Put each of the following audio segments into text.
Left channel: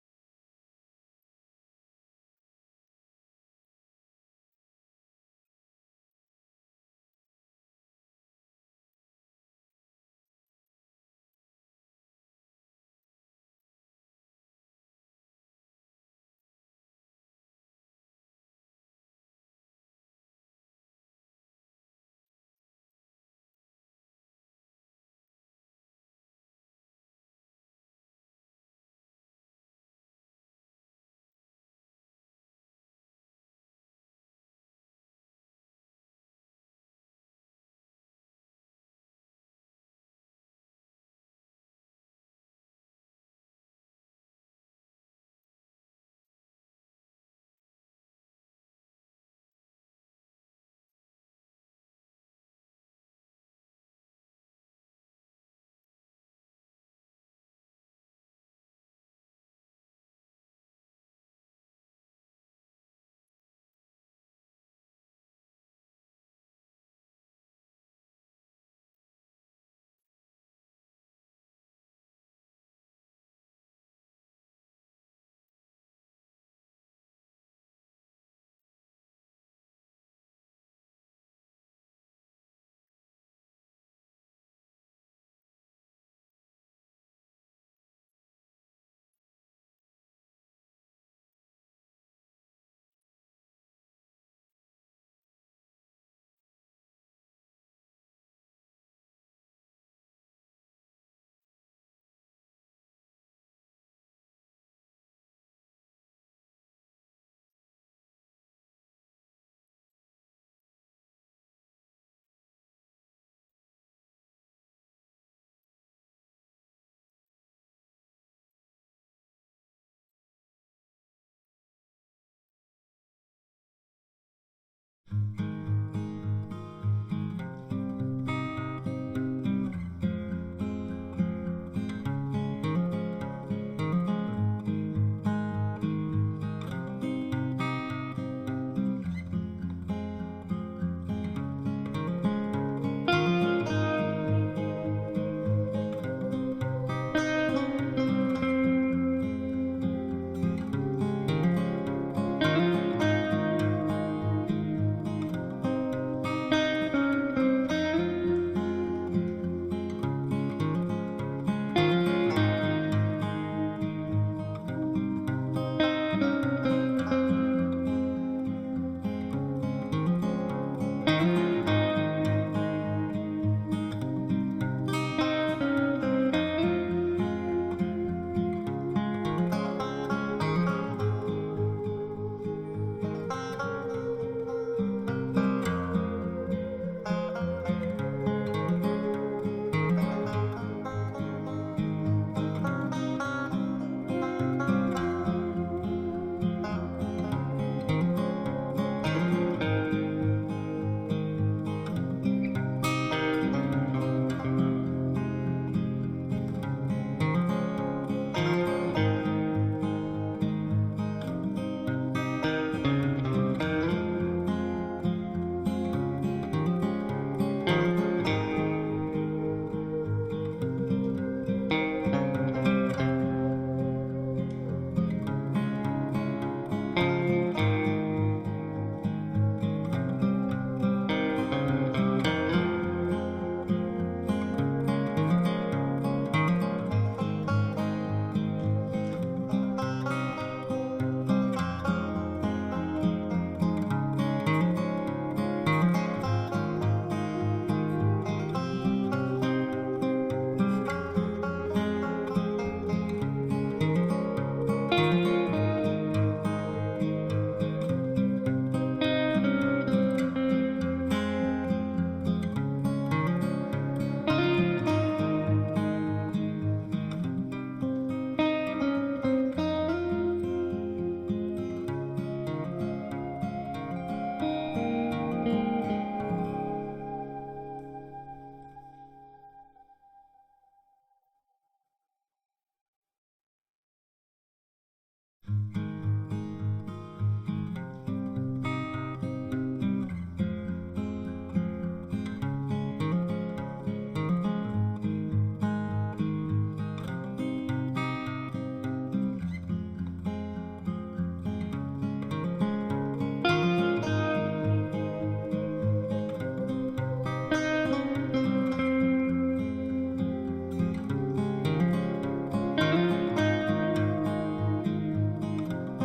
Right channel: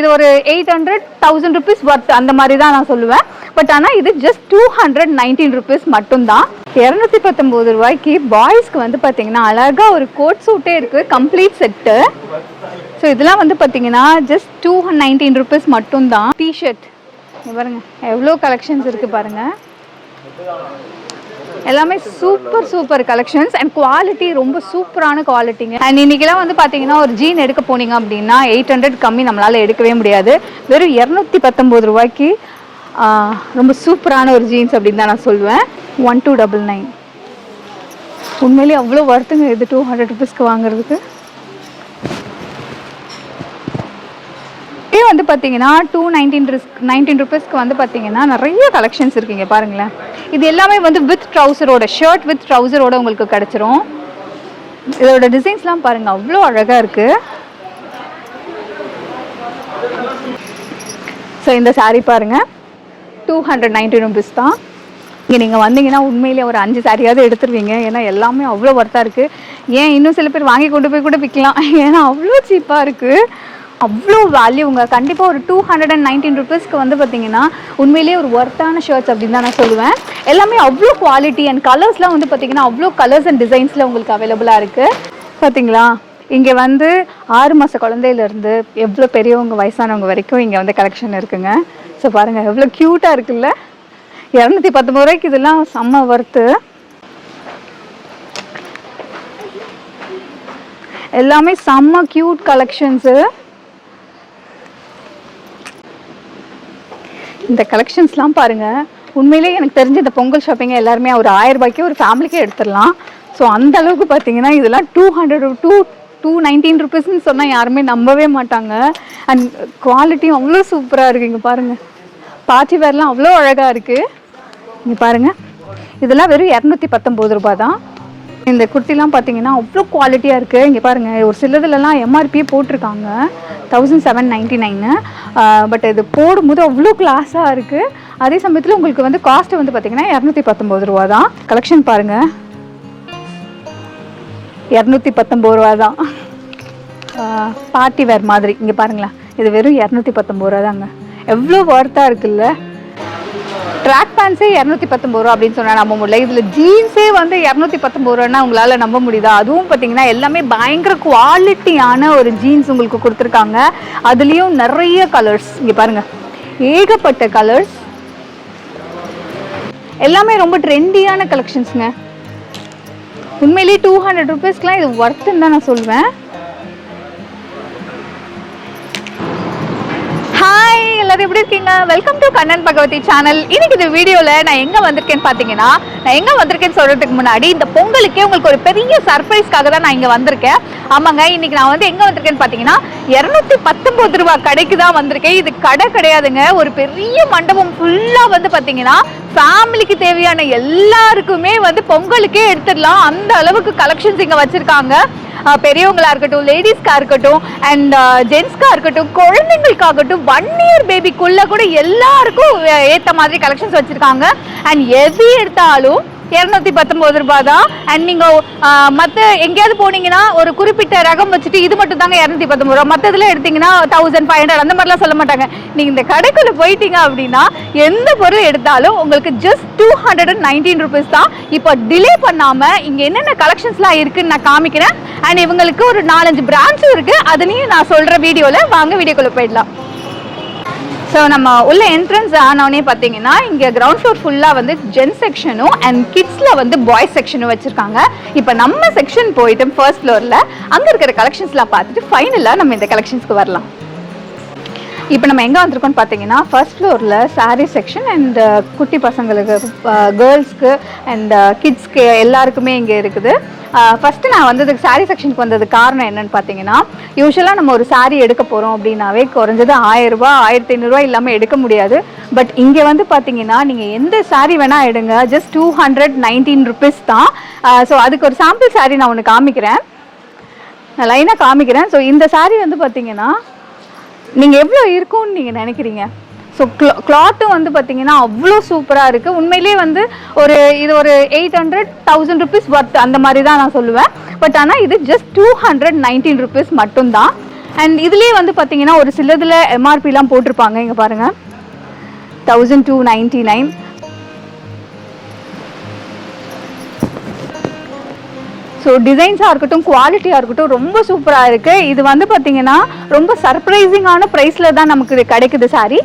இது ஒரு eight hundred thousand rupees worth அந்த மாதிரி தான் நான் சொல்லுவேன். பட் ஆனால் இது just two hundred nineteen rupees மட்டும்தான். இரநூத்தி பத்தொம்போது ரூபாய்க்கு பாய்ஸ்க்கு வந்து பார்த்தீங்கன்னா அழகாக ஒரு கோட் சூட்டே இருக்குது கம்ப்ளீட் செட்டு ஸோ இதெல்லாம் வந்து பார்த்தீங்கன்னா ஜஸ்ட் டூ நைன்டீன் ருபீஸ் மட்டும்தான். டிஷர்ட் பாருங்க எவ்வளோ கலெக்ஷன்ஸ் இருக்குது பாருங்கள் எல்லாமே super super collections and quality ரொம்ப சூப்பரான குவாலிட்டிங்க அண்ட் இன்னைக்கெல்லாம் வந்து பார்த்தீங்கன்னா ஒரு ஜீன் எடுக்க போனீங்க அப்படின்னா எயிட் ஹண்ட்ரட் கம்மி நம்மளால் எடுக்கவே முடியாது. வெறும் இரநூத்தி பத்தொம்போது ரூபாய்க்கு ரொம்ப சூப்பரான ஒரு ஜீன்ஸ் அப்படின்னு தான் நான் சொல்லுவேன். ஒன் டூ டபுள் நைன் உண்மையிலேயே அவ்வளோ வருத்துங்க இது டூ ஹண்ட்ரட் ருபீஸ்க்கு வாங்குறதுக்கு. இதே வந்து பார்த்தீங்கன்னா டூ நைன்டீன் நைன்டீன் ருபீஸ்க்கு வந்து பார்த்தீங்கன்னா நிறைய கலெக்ஷன்ஸ் இருக்குங்க பாருங்களேன். இது எல்லாமே வந்து வித் ட்ரௌசரோட ஷர்ட் வித் ட்ரௌசரோட உங்களுக்கு கிடச்சிரும். இதோட டிசைன்ஸ்லாம் பாருங்கள் அவ்வளோ அழகாக இருக்குது ஸோ இந்த சாரீ பாருங்க. டூ ஹண்ட்ரட் நைன்டீன் ருபீஸ் தான். இங்கே நீங்கள் வந்தீங்கன்னா உண்மையிலேயே ஒரு அஞ்சு சாரியாவது எடுத்துருவீங்க. ஏன்னா எல்லாமே அவ்வளோ ஒர்த்தாக இருக்குது ஏன் இன்னும் சில பேர் வாங்கி கொண்டு போய் கூட விற்கலாம் ஏன்னா அவ்வளோ சீப்பாக இருக்குது அவ்வளோ வேல்யூங்க கண்டிப்பாக ஒரு டூ ஹண்ட்ரட் அண்ட் நைன்டீன் ருபீஸ்க்கு வந்து பார்த்தீங்கன்னா உண்மையிலேயே ஒரு ஒர்த்தான ஷர்ட்ஸ் அப்படின்னு தான் நான் சொல்லுவேன். எல்லாமே அவ்வளோ குவாலிட்டி அண்ட் கலர்ஸ்லாம் வந்து பார்த்தீங்கன்னா அவ்வளோ கலர்ஸ் அண்ட் டிசைன்ஸில் உங்களுக்கு அவைலபிளாக இருக்குது பார்த்தீங்களா இங்கே வந்து ஆறு மாத குழந்தையிலேருந்து எவ்வளோ பெரியவங்க வயசானவங்க வரைக்கும் இங்கே வந்து கலெக்ஷன் இருக்குங்க. ஸோ பாருங்கள் எவ்வளோ க்யூட்டாக இருக்குல்ல? இரநூத்தி பத்தொம்பது ரூபாய்க்கு இதெல்லாம் செம்ம ஒர்த்து எல்லாமே செம்ம க்யூட் கலெக்ஷன்ஸு இந்த கலெக்ஷன்ஸ்லாம் பாருங்கள் உண்மையிலேயே எனக்கு தெரிஞ்ச இந்த பொங்கல் ஷாப்பிங்கை எல்லாருமே ஒரு ஆயிரம் ரூபாய்க்கு ஒரு ஃபேமிலிக்கே எடுத்துடலாம். ஸோ அந்த அளவுக்கு பார்த்தீங்கன்னா இதெல்லாம் two hundred two two nineteen ருபீஸ்ன்னு சொன்னால் யாருமே நம்பவே மாட்டாங்க. அண்ட் குவாலிட்டியும் அவ்வளோ சூப்பராக இருக்குது இங்கே பாருங்கள் பார்ட்டி வேர்லாம் அவ்வளோ அழகாக இருக்குது இங்கே பாருங்கள் இதெல்லாம் வெறும் இரநூத்தி பத்தொம்போது ரூபாய் தான். இந்த குர்த்திலாம் பார்த்தீங்கன்னா அவ்வளோ குவாலிட்டியாக இருக்குது இங்கே பாருங்கள் ஒரு சிலதுலலாம் எம்ஆர்பியே போட்டிருக்காங்க. Thousand seven ninety nine but இது போடும்போது அவ்வளோ கிளாஸாக இருக்குது அதே சமயத்தில் உங்களுக்கு வந்து காஸ்ட் வந்து பார்த்தீங்கன்னா இரநூத்தி பத்தொம்போது ரூபா தான். கலெக்ஷன் பாருங்கள் இரநூத்தி பத்தொம்போது ரூபா தான். பார்ட்டி வேர் மாதிரி. இங்கே பாருங்களேன். இது வெறும் இரநூத்தி பத்தொம்போது ரூபா தாங்க. எவ்வளோ ஒர்த்தாக இருக்குல்ல? ட்ராக் பேண்ட்ஸே இரநூத்தி பத்தொம்பது ரூபா அப்படின்னு சொன்னால் நம்ப முடியல. இதில் ஜீன்ஸே வந்து இரநூத்தி பத்தொம்பது ரூபான்னா உங்களால் நம்ப முடியுதா? அதுவும் பார்த்தீங்கன்னா எல்லாமே பயங்கர குவாலிட்டியான ஒரு ஜீன்ஸ் உங்களுக்கு கொடுத்துருக்காங்க. அதுலேயும் நிறைய கலர்ஸ் இங்கே பாருங்கள் ஏகப்பட்ட கலர்ஸ் எல்லாமே ரொம்ப ட்ரெண்டியான கலெக்ஷன்ஸுங்க உண்மையிலேயே டூ ஹண்ட்ரட் ருபீஸ்க்குலாம் இது ஒர்த்துன்னு தான் நான் சொல்வேன். எப்படி இருக்கீங்க? Welcome to Kannan Bhagavathi channel இன்னைக்கு இந்த வீடியோல நான் எங்க வந்திருக்கேன்னு பாத்தீங்கன்னா நான் எங்க வந்திருக்கேன்னு சொல்றதுக்கு முன்னாடி இந்த பொங்கலுக்கே உங்களுக்கு ஒரு பெரிய சர்ப்ரைஸ்க்காக தான் நான் இங்க வந்திருக்கேன். ஆமாங்க இன்னைக்கு நான் வந்து எங்க வந்திருக்கேன்னு பாத்தீங்கன்னா இருநூத்தி பத்தொன்பது ரூபா கடைக்கு தான் வந்திருக்கேன். இது கடை கிடையாதுங்க. ஒரு பெரிய மண்டபம் ஃபுல்லா வந்து பாத்தீங்கன்னா ஃபேமிலிக்கு தேவையான எல்லாருக்குமே வந்து பொங்கலுக்கே எடுத்துடலாம். அந்த அளவுக்கு கலெக்ஷன்ஸ் இங்க வச்சிருக்காங்க. பெரியவங்களா இருக்கட்டும் லேடிஸ்க்கா இருக்கட்டும் அண்ட் ஜென்ஸ்க்கா இருக்கட்டும் குழந்தைங்களுக்காகட்டும் ஒன் இயர் பேபிக்குள்ள கூட எல்லாருக்கும் ஏற்ற ஏத்த மாதிரி கலெக்ஷன்ஸ் வச்சிருக்காங்க. அண்ட் எது எடுத்தாலும் இரநூத்தி பத்தொன்பது ரூபாய் தான் அண்ட் நீங்க மற்ற எங்கேயாவது போனீங்கன்னா ஒரு குறிப்பிட்ட ரகம் வச்சுட்டு இது மட்டும் தாங்க இரநூத்தி பத்தொன்பது ரூபா. மற்றதுல எடுத்தீங்கன்னா தௌசண்ட் ஃபைவ் ஹண்ட்ரட் அந்த மாதிரிலாம் சொல்ல மாட்டாங்க. நீங்க இந்த கடைக்குள்ள போயிட்டீங்க அப்படின்னா எந்த பொருள் எடுத்தாலும் உங்களுக்கு just two hundred and nineteen rupees தான். இப்போ டிலே பண்ணாம இங்க என்னென்ன கலெக்ஷன்ஸ்லாம் இருக்குன்னு நான் காமிக்கிறேன். அண்ட் இவங்களுக்கு ஒரு நாலஞ்சு பிரான்ச்சும் இருக்கு. அதுலயும் நான் சொல்ற வீடியோல வாங்க வீடியோக்குள்ள போயிடலாம். ஸோ நம்ம உள்ள என்ட்ரன்ஸ் ஆனவொடனே பார்த்தீங்கன்னா இங்கே கிரவுண்ட் ஃப்ளோர் ஃபுல்லாக வந்து ஜென் செக்ஷனும் அண்ட் கிட்ஸில் வந்து பாய்ஸ் செக்ஷனும் வச்சுருக்காங்க. இப்போ நம்ம செக்ஷன் போயிட்டு ஃபர்ஸ்ட் ஃப்ளோரில் அங்கே இருக்கிற கலெக்ஷன்ஸ்லாம் பார்த்துட்டு ஃபைனலாக நம்ம இந்த கலெக்ஷன்ஸ்க்கு வரலாம். இப்போ நம்ம எங்கே வந்திருக்கோம்னு பார்த்தீங்கன்னா ஃபர்ஸ்ட் ஃப்ளோரில் சாரீ செக்ஷன் அண்ட் குட்டி பசங்களுக்கு கேர்ள்ஸ்க்கு அண்ட் கிட்ஸ்க்கு எல்லாருக்குமே இங்கே இருக்குது. Uh, ஃபஸ்ட்டு நான் வந்ததுக்கு சாரீ செக்ஷனுக்கு வந்ததுக்கு காரணம் என்னன்னு பார்த்தீங்கன்னா யூஸ்வலாக நம்ம ஒரு சாரீ எடுக்க போகிறோம் அப்படின்னாவே குறைஞ்சது ஆயிரரூபா ஆயிரத்தி ஐநூறுரூவா இல்லாமல் எடுக்க முடியாது. பட் இங்கே வந்து பார்த்தீங்கன்னா நீங்கள் எந்த சாரீ வேணால் எடுங்க. Just two hundred nineteen rupees தான். Uh, ஸோ அதுக்கு ஒரு சாம்பிள் சாரீ நான் ஒன்று காமிக்கிறேன். நான் லைனாக காமிக்கிறேன். ஸோ இந்த சாரீ வந்து பார்த்தீங்கன்னா நீங்கள் எவ்வளோ இருக்கும்னு நீங்கள் நினைக்கிறீங்க? ஸோ க்ளா கிளாத்தும் வந்து பார்த்தீங்கன்னா அவ்வளோ சூப்பராக இருக்குது உண்மையிலேயே வந்து ஒரு இது ஒரு eight hundred thousand rupees worth அந்த மாதிரி தான் நான் சொல்லுவேன். பட் ஆனால் இது just two hundred nineteen rupees மட்டும்தான். அண்ட் இதுலேயே வந்து பார்த்தீங்கன்னா ஒரு சிலதில் எம்ஆர்பிலாம் போட்டிருப்பாங்க. இங்கே பாருங்கள் thousand two ninety nine so டிசைன்ஸாக இருக்கட்டும் குவாலிட்டியாக இருக்கட்டும் ரொம்ப சூப்பராக இருக்குது இது வந்து பார்த்தீங்கன்னா ரொம்ப சர்ப்ரைசிங்கான ப்ரைஸில் தான் நமக்கு இது கிடைக்குது சாரி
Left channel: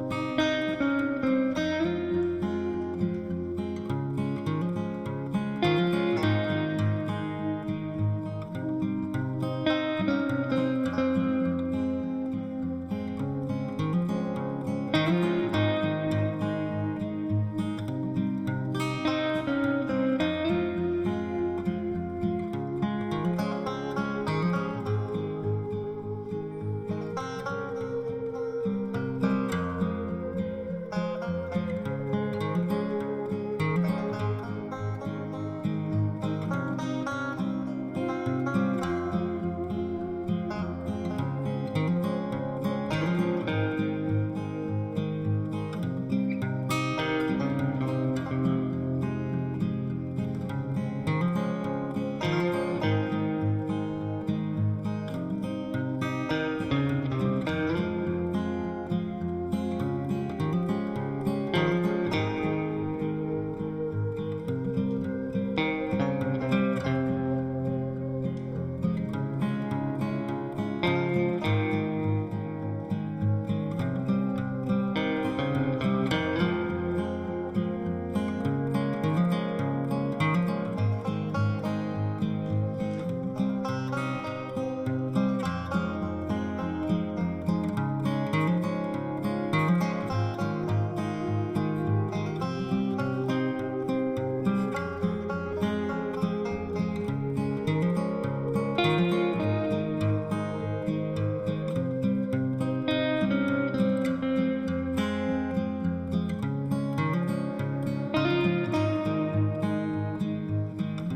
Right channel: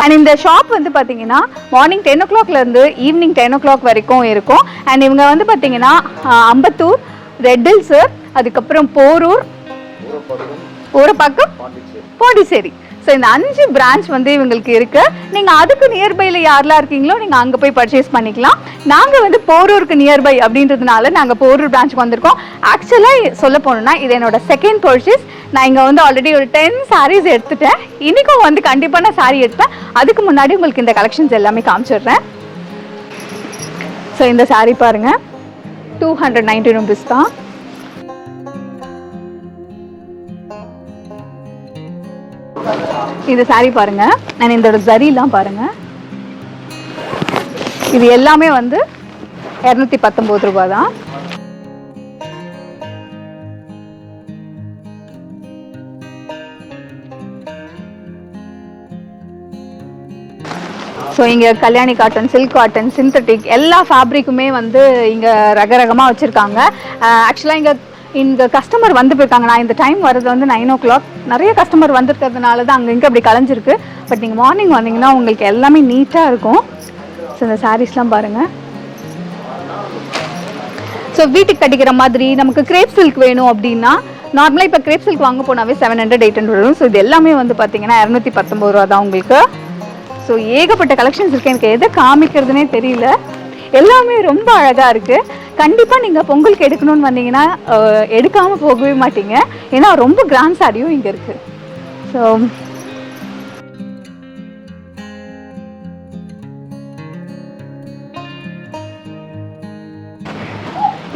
அண்ட் இந்த ஷாப் வந்து பார்த்தீங்கன்னா மார்னிங் டென் ஓ கிளாக்லேருந்து ஈவினிங் டென் ஓ கிளாக் வரைக்கும் இருக்கும். அண்ட் இவங்க வந்து பார்த்தீங்கன்னா அம்பத்தூர் ரெட்டில்ஸு அதுக்கப்புறம் போரூர். ஒரு பக்கம்? பாண்டிச்சேரி. ஸோ இந்த அஞ்சு பிரான்ச் வந்து இவங்களுக்கு இருக்கு. நீங்க அதுக்கு நியர்பைல யாரெல்லாம் இருக்கீங்களோ நீங்க அங்க போய் பர்ச்சேஸ் பண்ணிக்கலாம். நாங்க வந்து போரூருக்கு நியர்பை அப்படின்றதுனால நாங்க போரூர் பிரான்ச்சுக்கு வந்திருக்கோம். ஆக்சுவலா சொல்ல போனோம்னா இது என்னோட செகண்ட் பர்ச்சேஸ் நான் இங்க வந்து ஆல்ரெடி ஒரு டென் சாரீஸ் எடுத்துட்டேன். இன்னைக்கும் வந்து கண்டிப்பா நான் சாரீ எடுப்பேன். அதுக்கு முன்னாடி உங்களுக்கு இந்த கலெக்ஷன்ஸ் எல்லாமே காமிச்சிடுறேன். ஸோ இந்த saree பாருங்க. டூ ஹண்ட்ரட் நைன்டி ருபீஸ் தான். இது சாரீ பாருங்க. நான் இதோட ஜரிலாம் பாருங்க. இது எல்லாமே வந்து இரநூத்தி பத்தொன்பது ரூபாய் தான் ஸோ இங்கே Kalyani cotton silk cotton synthetic எல்லா ஃபேப்ரிக்குமே வந்து இங்கே ரகரகமாக வச்சுருக்காங்க. Uh, ஆக்சுவலாக இங்கே இங்கே கஸ்டமர் வந்து போயிருக்காங்க. நான் இந்த டைம் வர்றது வந்து நைன் ஓ கிளாக் நிறைய கஸ்டமர் வந்திருக்கிறதுனால தான் அங்கே இங்கே அப்படி கலைஞ்சிருக்கு. பட் நீங்கள் மார்னிங் வந்தீங்கன்னா உங்களுக்கு எல்லாமே நீட்டாக இருக்கும். ஸோ இந்த சாரீஸ்லாம் பாருங்கள் ஸோ வீட்டுக்கு கட்டிக்கிற மாதிரி நமக்கு கிரேப் சில்க் வேணும் அப்படின்னா நார்மலாக இப்போ கிரேப் சில்க் வாங்க போனாவே செவன் ஹண்ட்ரட் எயிட் ஹண்ட்ரட் வரும். ஸோ இது எல்லாமே வந்து பார்த்தீங்கன்னா இரநூத்தி பத்தொம்பது ரூபா தான் உங்களுக்கு. ஸோ ஏகப்பட்ட கலெக்ஷன்ஸ் இருக்கு. எனக்கு எதை காமிக்கிறதுனே தெரியல. எல்லாமே ரொம்ப அழகாக இருக்குது கண்டிப்பாக நீங்கள் பொங்கலுக்கு எடுக்கணும்னு வந்தீங்கன்னா எடுக்காமல் போகவே மாட்டீங்க. ஏன்னா ரொம்ப கிராண்ட் சாரியும் இங்கே இருக்குது ஸோ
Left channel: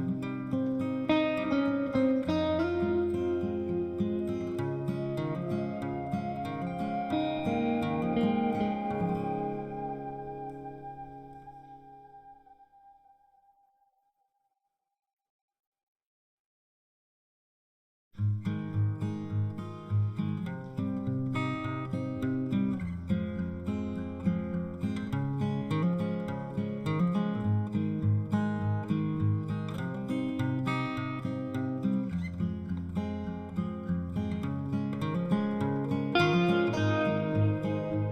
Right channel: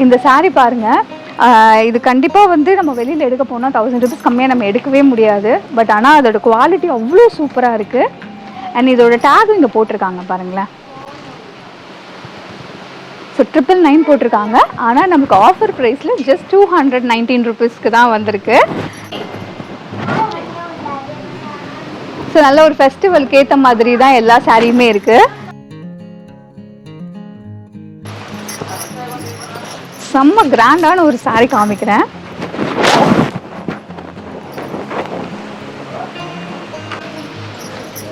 இந்த saree பாருங்க. இது கண்டிப்பாக வந்து நம்ம வெளியில் எடுக்க போனால் தௌசண்ட் ருபீஸ் கம்மியாக நம்ம எடுக்கவே முடியாது. பட் ஆனால் அதோட குவாலிட்டி அவ்வளோ சூப்பராக இருக்குது அண்ட் இதோட டேகும் இங்கே போட்டிருக்காங்க பாருங்களேன். ஸோ ட்ரிபிள் நைன் போட்டிருக்காங்க. ஆனால் நமக்கு ஆஃபர் ப்ரைஸில் ஜஸ்ட் டூ ஹண்ட்ரட் நைன்டீன் ருபீஸ்க்கு தான் வந்திருக்கு. ஸோ நல்ல ஒரு ஃபெஸ்டிவலுக்கு ஏற்ற மாதிரி தான் எல்லா சாரியுமே இருக்குது செம்ம கிராண்டான ஒரு சாரி காமிக்கிறேன்.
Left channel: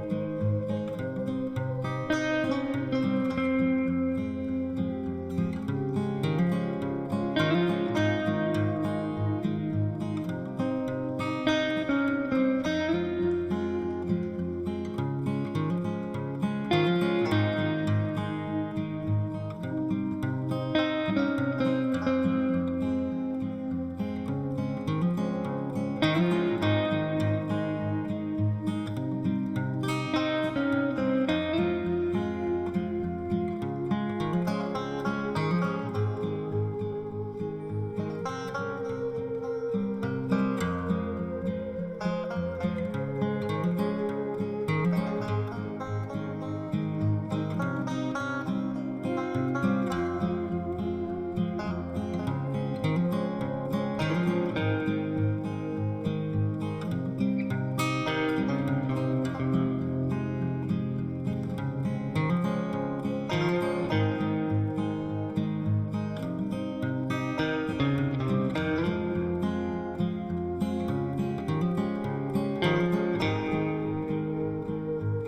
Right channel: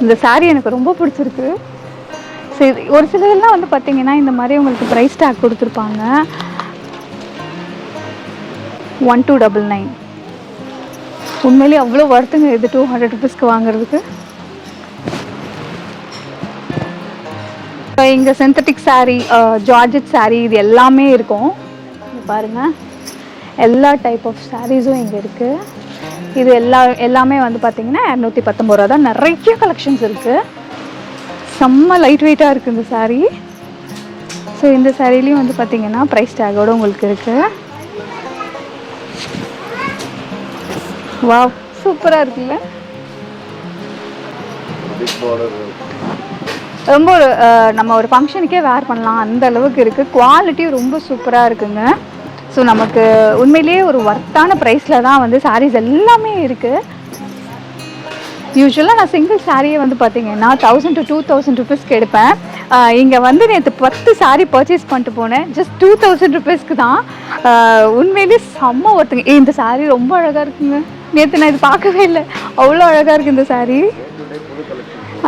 இந்த சாரி எனக்கு ரொம்ப பிடிச்சிருக்கு. ஒரு சிலதெல்லாம் வந்து பார்த்தீங்கன்னா இந்த மாதிரி உங்களுக்கு ப்ரைஸ் டேக் கொடுத்துருப்பாங்க. ஒன் டூ டபுள் நைன் உண்மையிலேயே அவ்வளோ வருத்துங்க இது டூ ஹண்ட்ரட் ருபீஸ்க்கு வாங்குறதுக்கு? இப்போ இங்கே சிந்தட்டிக் சாரீ ஜார்ஜெட் சாரீ இது எல்லாமே இருக்கும். பாருங்கள் எல்லா டைப் ஆஃப் சாரீஸும் இங்கே இருக்குது இது எல்லா எல்லாமே வந்து பார்த்தீங்கன்னா இரநூத்தி பத்தொம்பது ரூபா தான். நிறைய கலெக்ஷன்ஸ் இருக்குது செம்ம லைட் வெயிட்டாக இருக்குது இந்த saree. ஸோ இந்த சாரீலையும் வந்து பார்த்தீங்கன்னா ப்ரைஸ் டேகோடு உங்களுக்கு இருக்குது வா சூப்பராக இருக்குல்ல? ரொம்ப ஒரு நம்ம ஒரு ஃபங்க்ஷனுக்கே வேர் பண்ணலாம். அந்த அளவுக்கு இருக்குது குவாலிட்டி ரொம்ப சூப்பராக இருக்குங்க. ஸோ நமக்கு உண்மையிலேயே ஒரு ஒர்த்தான ப்ரைஸில் தான் வந்து சாரீஸ் எல்லாமே இருக்குது யூஸ்வலாக நான் சிங்கிள் சாரியை வந்து பார்த்தீங்கன்னா தௌசண்ட் டு டூ தௌசண்ட் ருபீஸ்க்கு எடுப்பேன். இங்கே வந்து நேற்று பத்து சாரி பர்ச்சேஸ் பண்ணிட்டு போனேன். ஜஸ்ட் டூ தௌசண்ட் ருபீஸ்க்கு தான். உண்மையிலே உண்மையிலேயே செம்ம ஒருத்தங்க. இந்த சாரி ரொம்ப அழகாக இருக்குங்க. நேற்று நான் இது பார்க்கவே இல்லை. அவ்வளோ அழகாக இருக்குது இந்த சாரி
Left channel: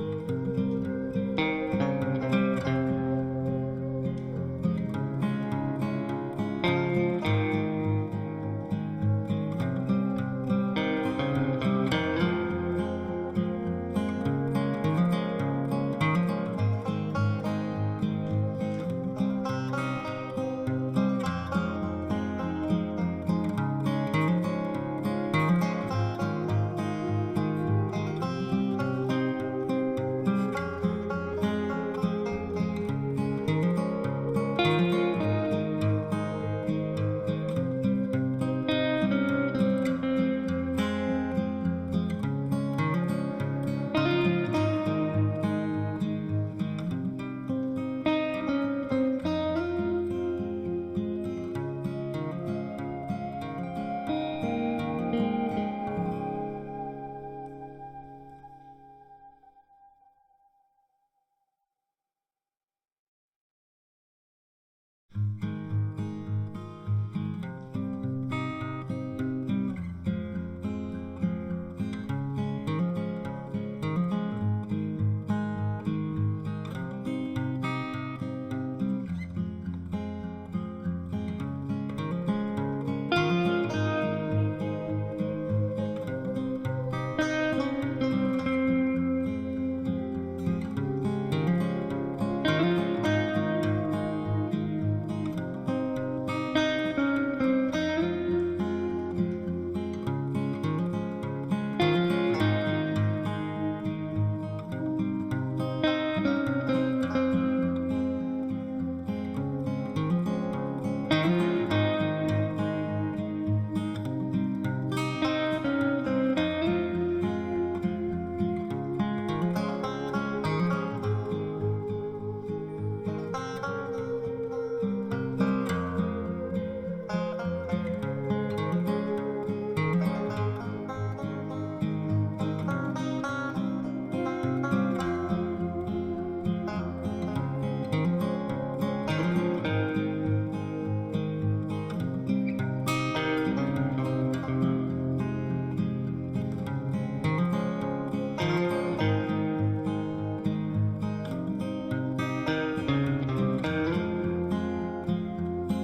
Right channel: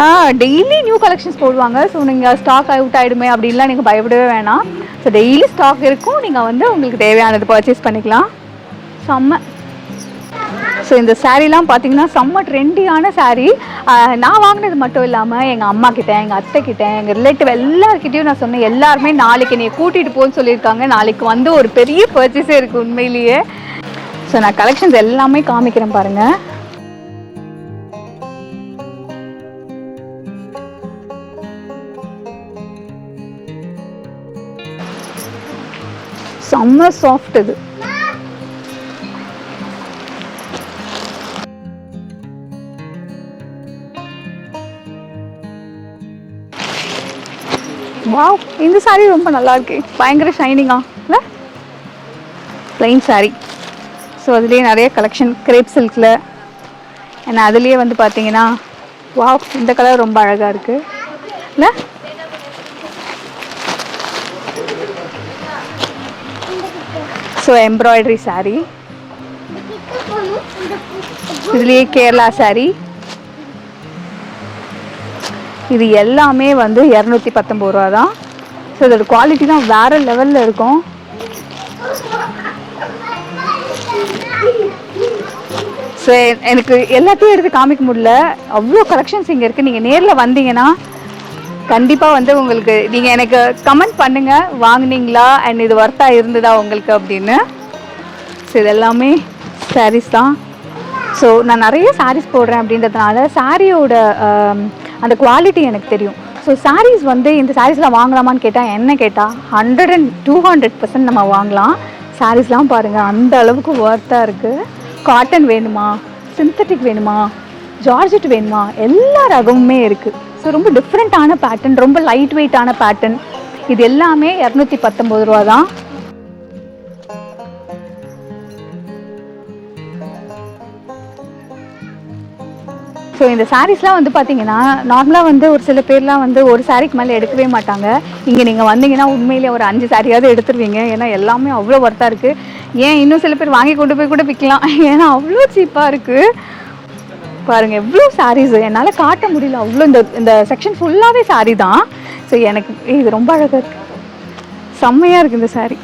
ஆ டெய்லி நியூ கலெக்ஷன்ஸ் போடுவாங்க. ஸோ நீங்கள் ஸ்டாக் அவுட் ஆகிடுமே அப்படின்லாம் நீங்கள் பயப்படவே வேணாம். ஸோ டெய்லி ஸ்டாக் இருக்கும். நீங்கள் வந்து உங்களுக்கு தேவையானது பர்ச்சேஸ் பண்ணிக்கலாம். செம்ம. ஸோ இந்த சாரீலாம் பார்த்தீங்கன்னா செம்ம ட்ரெண்டியான சாரீ. நான் வாங்கினது மட்டும் இல்லாமல் எங்கள் அம்மா கிட்ட எங்கள் அத்தை கிட்ட எங்கள் ரிலேட்டிவ் எல்லாருக்கிட்டையும் நான் சொன்னேன் எல்லாருமே நாளைக்கு நீ கூட்டிகிட்டு போன்னு சொல்லியிருக்காங்க. நாளைக்கு வந்து ஒரு பெரிய பர்ச்சேஸே இருக்குது உண்மையிலேயே. ஸோ நான் கலெக்ஷன்ஸ் எல்லாமே காமிக்கிறேன் பாருங்கள் செம்ம சாஃப்ட் இது. வாவ் இந்த சாரீ ரொம்ப நல்லா இருக்கு பயங்கர ஷைனிங்கா இல்லை? Plain saree. ஸோ அதுலேயே நிறைய கலெக்ஷன் கிரேப் சில்கில் ஏன்னா அதுலேயே வந்து பார்த்தீங்கன்னா வாவ் இந்த கலர் ரொம்ப அழகாக இருக்குது இல்லை? ஸோ எம்ப்ராய்டரி சாரீ இதுலேயே கேரளா சாரீ இது எல்லாமே வந்து இரநூத்தி பத்தொம்பது ரூபா தான். ஸோ இதோட குவாலிட்டி தான் வேறு லெவலில் இருக்கும். ஸோ எனக்கு எல்லாத்தையும் எடுத்து காமிக்க முடியல. அவ்வளோ கலெக்ஷன்ஸ் இங்கே இருக்குது நீங்கள் நேரில் வந்தீங்கன்னா கண்டிப்பாக வந்து உங்களுக்கு நீங்கள் எனக்கு கமெண்ட் பண்ணுங்கள் வாங்குனீங்களா? அண்ட் இது ஒர்த்தாக இருந்ததா உங்களுக்கு அப்படின்னு. ஸோ இது எல்லாமே தான். ஸோ நான் நிறைய சாரீஸ் போடுறேன் அப்படின்றதுனால சாரியோட அந்த குவாலிட்டி எனக்கு தெரியும். ஸோ சாரீஸ் வந்து இந்த சாரீஸ்லாம் வாங்கலாமான்னு கேட்டால் என்ன கேட்டால் hundred and two hundred percent நம்ம வாங்கலாம். சாரீஸ்லாம் பாருங்கள் அந்த அளவுக்கு ஒர்த்தாக இருக்குது காட்டன் வேணுமா? சிந்தட்டிக் வேணுமா? ஜார்ஜெட் வேணுமா? எல்லா ரகமுமே இருக்குது ஸோ ரொம்ப டிஃப்ரெண்ட்டான பேட்டர்ன் ரொம்ப லைட் வெயிட்டான பேட்டர்ன் இது எல்லாமே இரநூத்தி பத்தொம்பது ரூபா தான் ஸோ இந்த சாரீஸ்லாம் வந்து பார்த்தீங்கன்னா நார்மலாக வந்து ஒரு சில பேர்லாம் வந்து ஒரு சாரீக்கு மேலே எடுக்கவே மாட்டாங்க. இங்கே நீங்கள் வந்தீங்கன்னா உண்மையிலேயே ஒரு அஞ்சு சாரியாவது எடுத்துருவீங்க. ஏன்னா எல்லாமே அவ்வளோ ஒர்த்தாக இருக்குது ஏன் இன்னும் சில பேர் வாங்கி கொண்டு போய் கூட விற்கலாம் ஏன்னா அவ்வளோ சீப்பாக இருக்குது பாருங்கள் எவ்வளோ சாரீஸ் என்னால் காட்ட முடியல. அவ்வளோ இந்த இந்த செக்ஷன் ஃபுல்லாகவே saree தான். ஸோ எனக்கு இது ரொம்ப அழகாக இருக்குது செம்மையாக இருக்குது இந்த சாரீ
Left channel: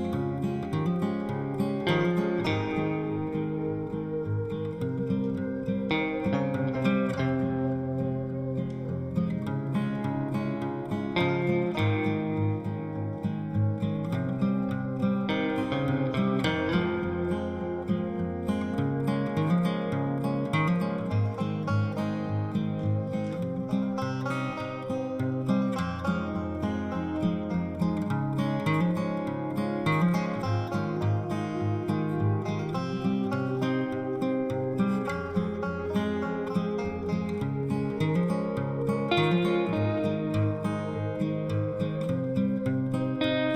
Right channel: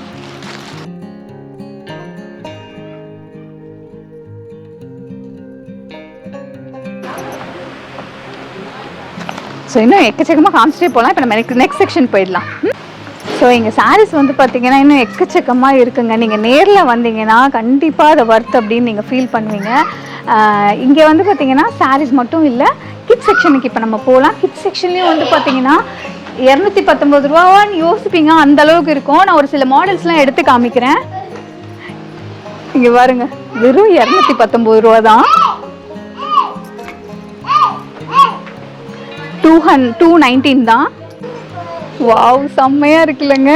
ஸோ இன்னும் எக்கச்சக்கமாக காமிச்சிட்டே போகலாம் இப்போ நம்ம நெக்ஸ்ட் நெக்ஸ்ட் செக்ஷன் போயிடலாம். ஸோ எங்கள் சாரீஸ் வந்து பார்த்தீங்கன்னா இன்னும் எக்கச்சக்கமாக இருக்குங்க. நீங்கள் நேரில் வந்தீங்கன்னா கண்டிப்பாக அதை ஒர்த் அப்படின்னு நீங்கள் ஃபீல் பண்ணுவீங்க. இங்கே வந்து பார்த்தீங்கன்னா சாரீஸ் மட்டும் இல்லை கிட் செக்ஷனுக்கு இப்போ நம்ம போகலாம் கிட் செக்ஷன்லேயும் வந்து பார்த்தீங்கன்னா இரநூத்தி பத்தொம்பது ரூபான்னு யோசிப்பீங்க. அந்த அளவுக்கு இருக்கும். நான் ஒரு சில மாடல்ஸ்லாம் எடுத்து காமிக்கிறேன். இங்கே பாருங்க. வெறும் இரநூத்தி பத்தொம்பது ரூபா தான் டூ ஹன் டூ நைன்டீன் தான். வாவ் செம்மையாக இருக்குல்லங்க.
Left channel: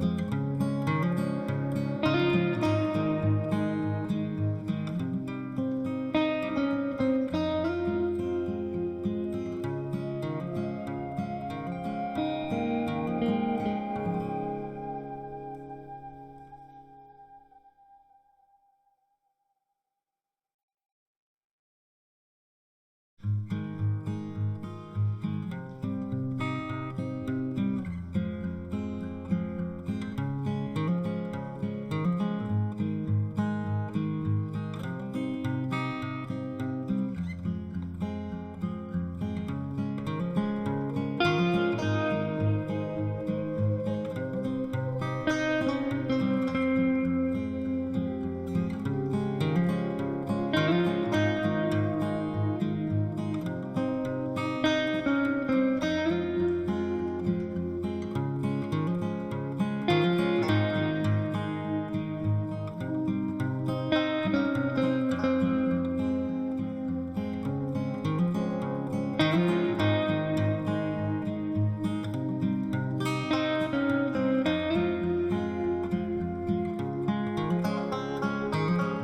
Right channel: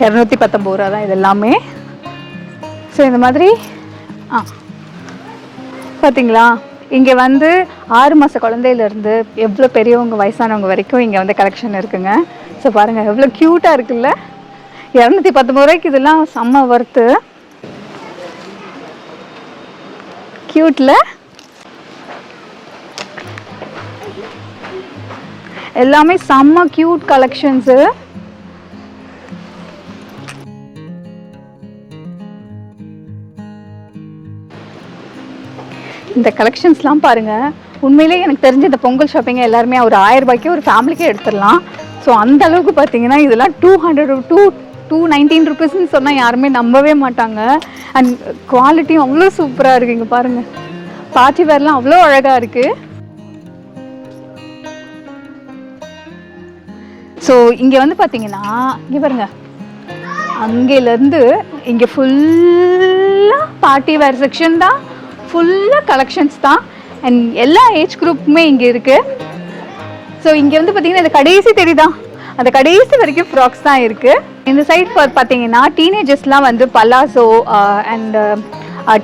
இரநூத்தி பத்தொம்பது ரூபா தான் இது எல்லாமே ஸோ இந்த மாதிரி ஆ. பார்த்தீங்களா இங்கே வந்து ஆறு மாத குழந்தையிலேருந்து எவ்வளோ பெரியவங்க வயசானவங்க வரைக்கும் இங்கே வந்து கலெக்ஷன் இருக்குங்க. ஸோ பாருங்கள் எவ்வளோ க்யூட்டாக இருக்குல்ல. இரநூத்தி பத்தொம்பது ரூபாய்க்கு இதெல்லாம் செம்ம ஒர்த்து க்யூட்டில் எல்லாமே செம்ம க்யூட் கலெக்ஷன்ஸு இந்த கலெக்ஷன்ஸ்லாம் பாருங்கள் உண்மையிலேயே எனக்கு தெரிஞ்ச இந்த பொங்கல் ஷாப்பிங்கை எல்லாருமே ஒரு ஆயிரம் ரூபாய்க்கு ஒரு ஃபேமிலிக்கே எடுத்துடலாம். ஸோ அந்த அளவுக்கு பார்த்தீங்கன்னா இதெல்லாம் two hundred two two nineteen ருபீஸ்ன்னு சொன்னால் யாருமே நம்பவே மாட்டாங்க. அண்ட் குவாலிட்டியும் அவ்வளோ சூப்பராக இருக்குது இங்கே பாருங்கள் பார்ட்டி வேர்லாம் அவ்வளோ அழகாக இருக்குது ஸோ இங்கே வந்து பார்த்தீங்கன்னா இங்கே பாருங்க. அங்கேருந்து இங்கே ஃபுல்லாக பார்ட்டி வேர் செக்ஷன் தான். ஃபுல்லாக கலெக்ஷன்ஸ் தான். அண்ட் எல்லா ஏஜ் குரூப்புமே இங்கே இருக்குது ஸோ இங்கே வந்து பார்த்தீங்கன்னா இந்த கடைசி தெரியுதான் அந்த கடைசி வரைக்கும் ஃப்ராக்ஸ் தான் இருக்குது இந்த சைட் பார்த்தீங்கன்னா டீனேஜர்ஸ்லாம் வந்து பலாசோ அண்ட்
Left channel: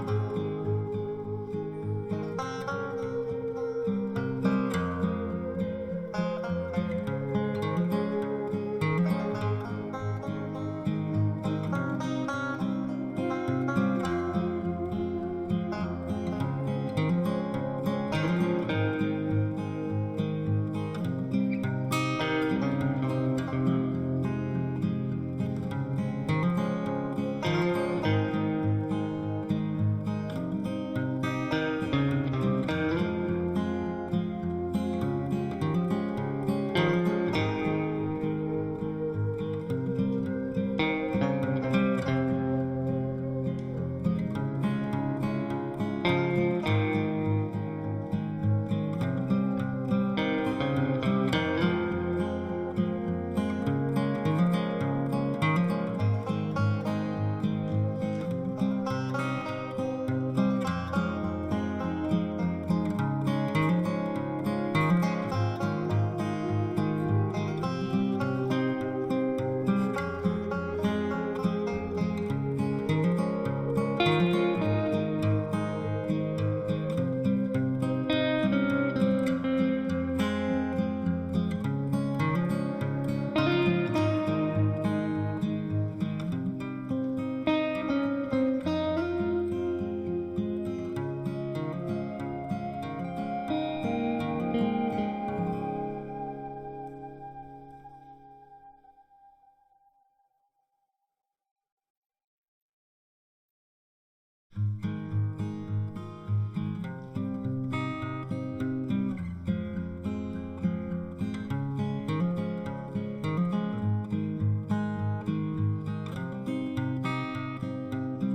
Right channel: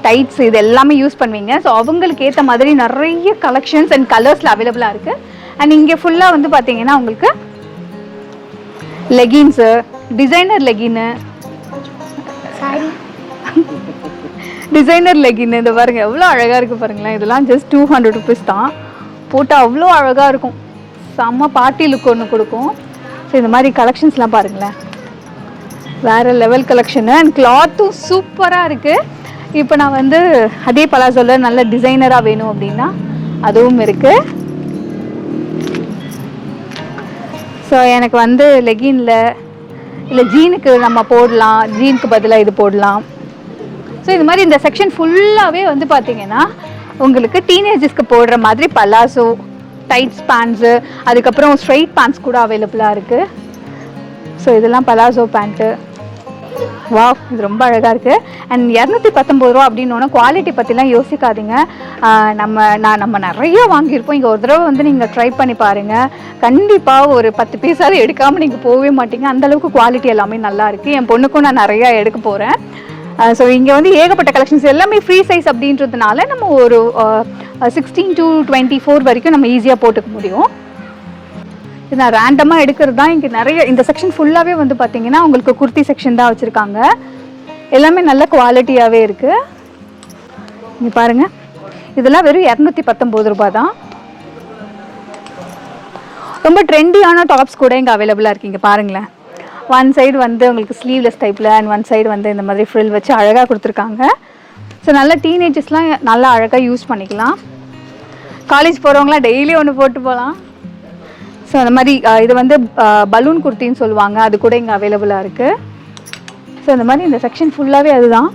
டைட்ஸ் இது எல்லாமே யூஸ் பண்ணுவீங்க. ஸோ அவங்களுக்கு ஏற்ற மாதிரி நிறைய கலெக்ஷன்ஸ் அண்ட் கலர்ஸில் அவைலபிளாக இருக்குது அண்ட் இங்கே ஃபுல்லாக வந்து பார்த்தீங்கன்னா உங்களுக்கு லெகின்ஸு டிசைனர் லெகின்னு டிசைனர் லெகின் இது பாருங்க எவ்வளோ அழகாக இருக்குது பாருங்களேன். இதெல்லாம் ஜஸ்ட் டூ ஹண்ட்ரட் ருபீஸ் தான். போட்டால் அவ்வளோ அழகாக இருக்கும். செம்ம பார்ட்டி லுக் ஒன்று கொடுக்கும். ஸோ இந்த மாதிரி கலெக்ஷன்ஸ்லாம் பாருங்களேன். வேறு லெவல் கலெக்ஷனு அண்ட் கிளாத்தும் சூப்பராக இருக்குது இப்போ நான் வந்து அதே பலாசோல நல்ல டிசைனராக வேணும் அப்படின்னா அதுவும் இருக்குது ஸோ எனக்கு வந்து லெகின்ல இல்லை ஜீனுக்கு நம்ம போடலாம். ஜீனுக்கு பதிலாக இது போடலாம். ஸோ இது மாதிரி இந்த செக்ஷன் ஃபுல்லாகவே வந்து பார்த்தீங்கன்னா உங்களுக்கு டீனேஜர்ஸ்க்கு போடுற மாதிரி பலாசோ டைட்ஸ் பேண்ட்ஸு அதுக்கப்புறம் ஸ்ட்ரைட் பேண்ட்ஸ் கூட அவைலபிளாக இருக்குது ஸோ இதெல்லாம் பலாசோ பேண்ட்டு வா இது ரொம்ப அழகாக இருக்குது அண்ட் இரநூத்தி பத்தொம்பது ரூபா அப்படின்னு குவாலிட்டி பற்றிலாம் யோசிக்காதீங்க. நம்ம நான் நம்ம நிறைய வாங்கியிருப்போம் இங்கே ஒரு தடவை வந்து நீங்கள் ட்ரை பண்ணி பாருங்கள் கண்டிப்பாக ஒரு பத்து பீஸாவது எடுக்காமல் நீங்கள் போகவே மாட்டீங்க. அந்தளவுக்கு குவாலிட்டி எல்லாமே நல்லா இருக்குது என் பொண்ணுக்கும் நான் நிறையா எடுக்க போகிறேன் ஸோ இங்கே வந்து ஏகப்பட்ட கலெக்ஷன்ஸ் எல்லாமே ஃப்ரீ சைஸ் அப்படின்றதுனால நம்ம ஒரு சிக்ஸ்டீன் டு டுவெண்ட்டி ஃபோர் வரைக்கும் நம்ம ஈஸியாக போட்டுக்க முடியும். நான் ரேண்டமாக எடுக்கிறது தான். இங்கே நிறைய இந்த செக்ஷன் ஃபுல்லாகவே வந்து பார்த்தீங்கன்னா உங்களுக்கு குர்த்தி செக்ஷன் தான் வச்சுருக்காங்க. எல்லாமே நல்ல குவாலிட்டியாகவே இருக்குது இங்கே பாருங்கள் இதெல்லாம் வெறும் இரநூத்தி பத்தொம்போது ரூபாய் தான். ரொம்ப ட்ரெண்டியான டாப்ஸ் கூட இங்கே அவைலபிளாக இருக்கீங்க இங்கே பாருங்களேன். ஒன் சைடு வந்து உங்களுக்கு ஸ்லீவ்லெஸ் டைப்பில் அண்ட் ஒன் சைடு வந்து இந்த மாதிரி ஃப்ரில் வச்சு அழகாக கொடுத்துருக்காங்க. ஸோ நல்லா டீனேஜஸ்லாம் நல்லா அழகாக யூஸ் பண்ணிக்கலாம். காலேஜ் போகிறவங்களாம் டெய்லி ஒன்று போட்டு போகலாம் ஸோ அந்த மாதிரி இது வந்து பலூன் குர்த்தின்னு சொல்லுவாங்க. அது கூட இங்கே அவைலபிளாக இருக்குது ஸோ அந்த மாதிரி இந்த செக்ஷன் ஃபுல்லாகவே அதுதான்.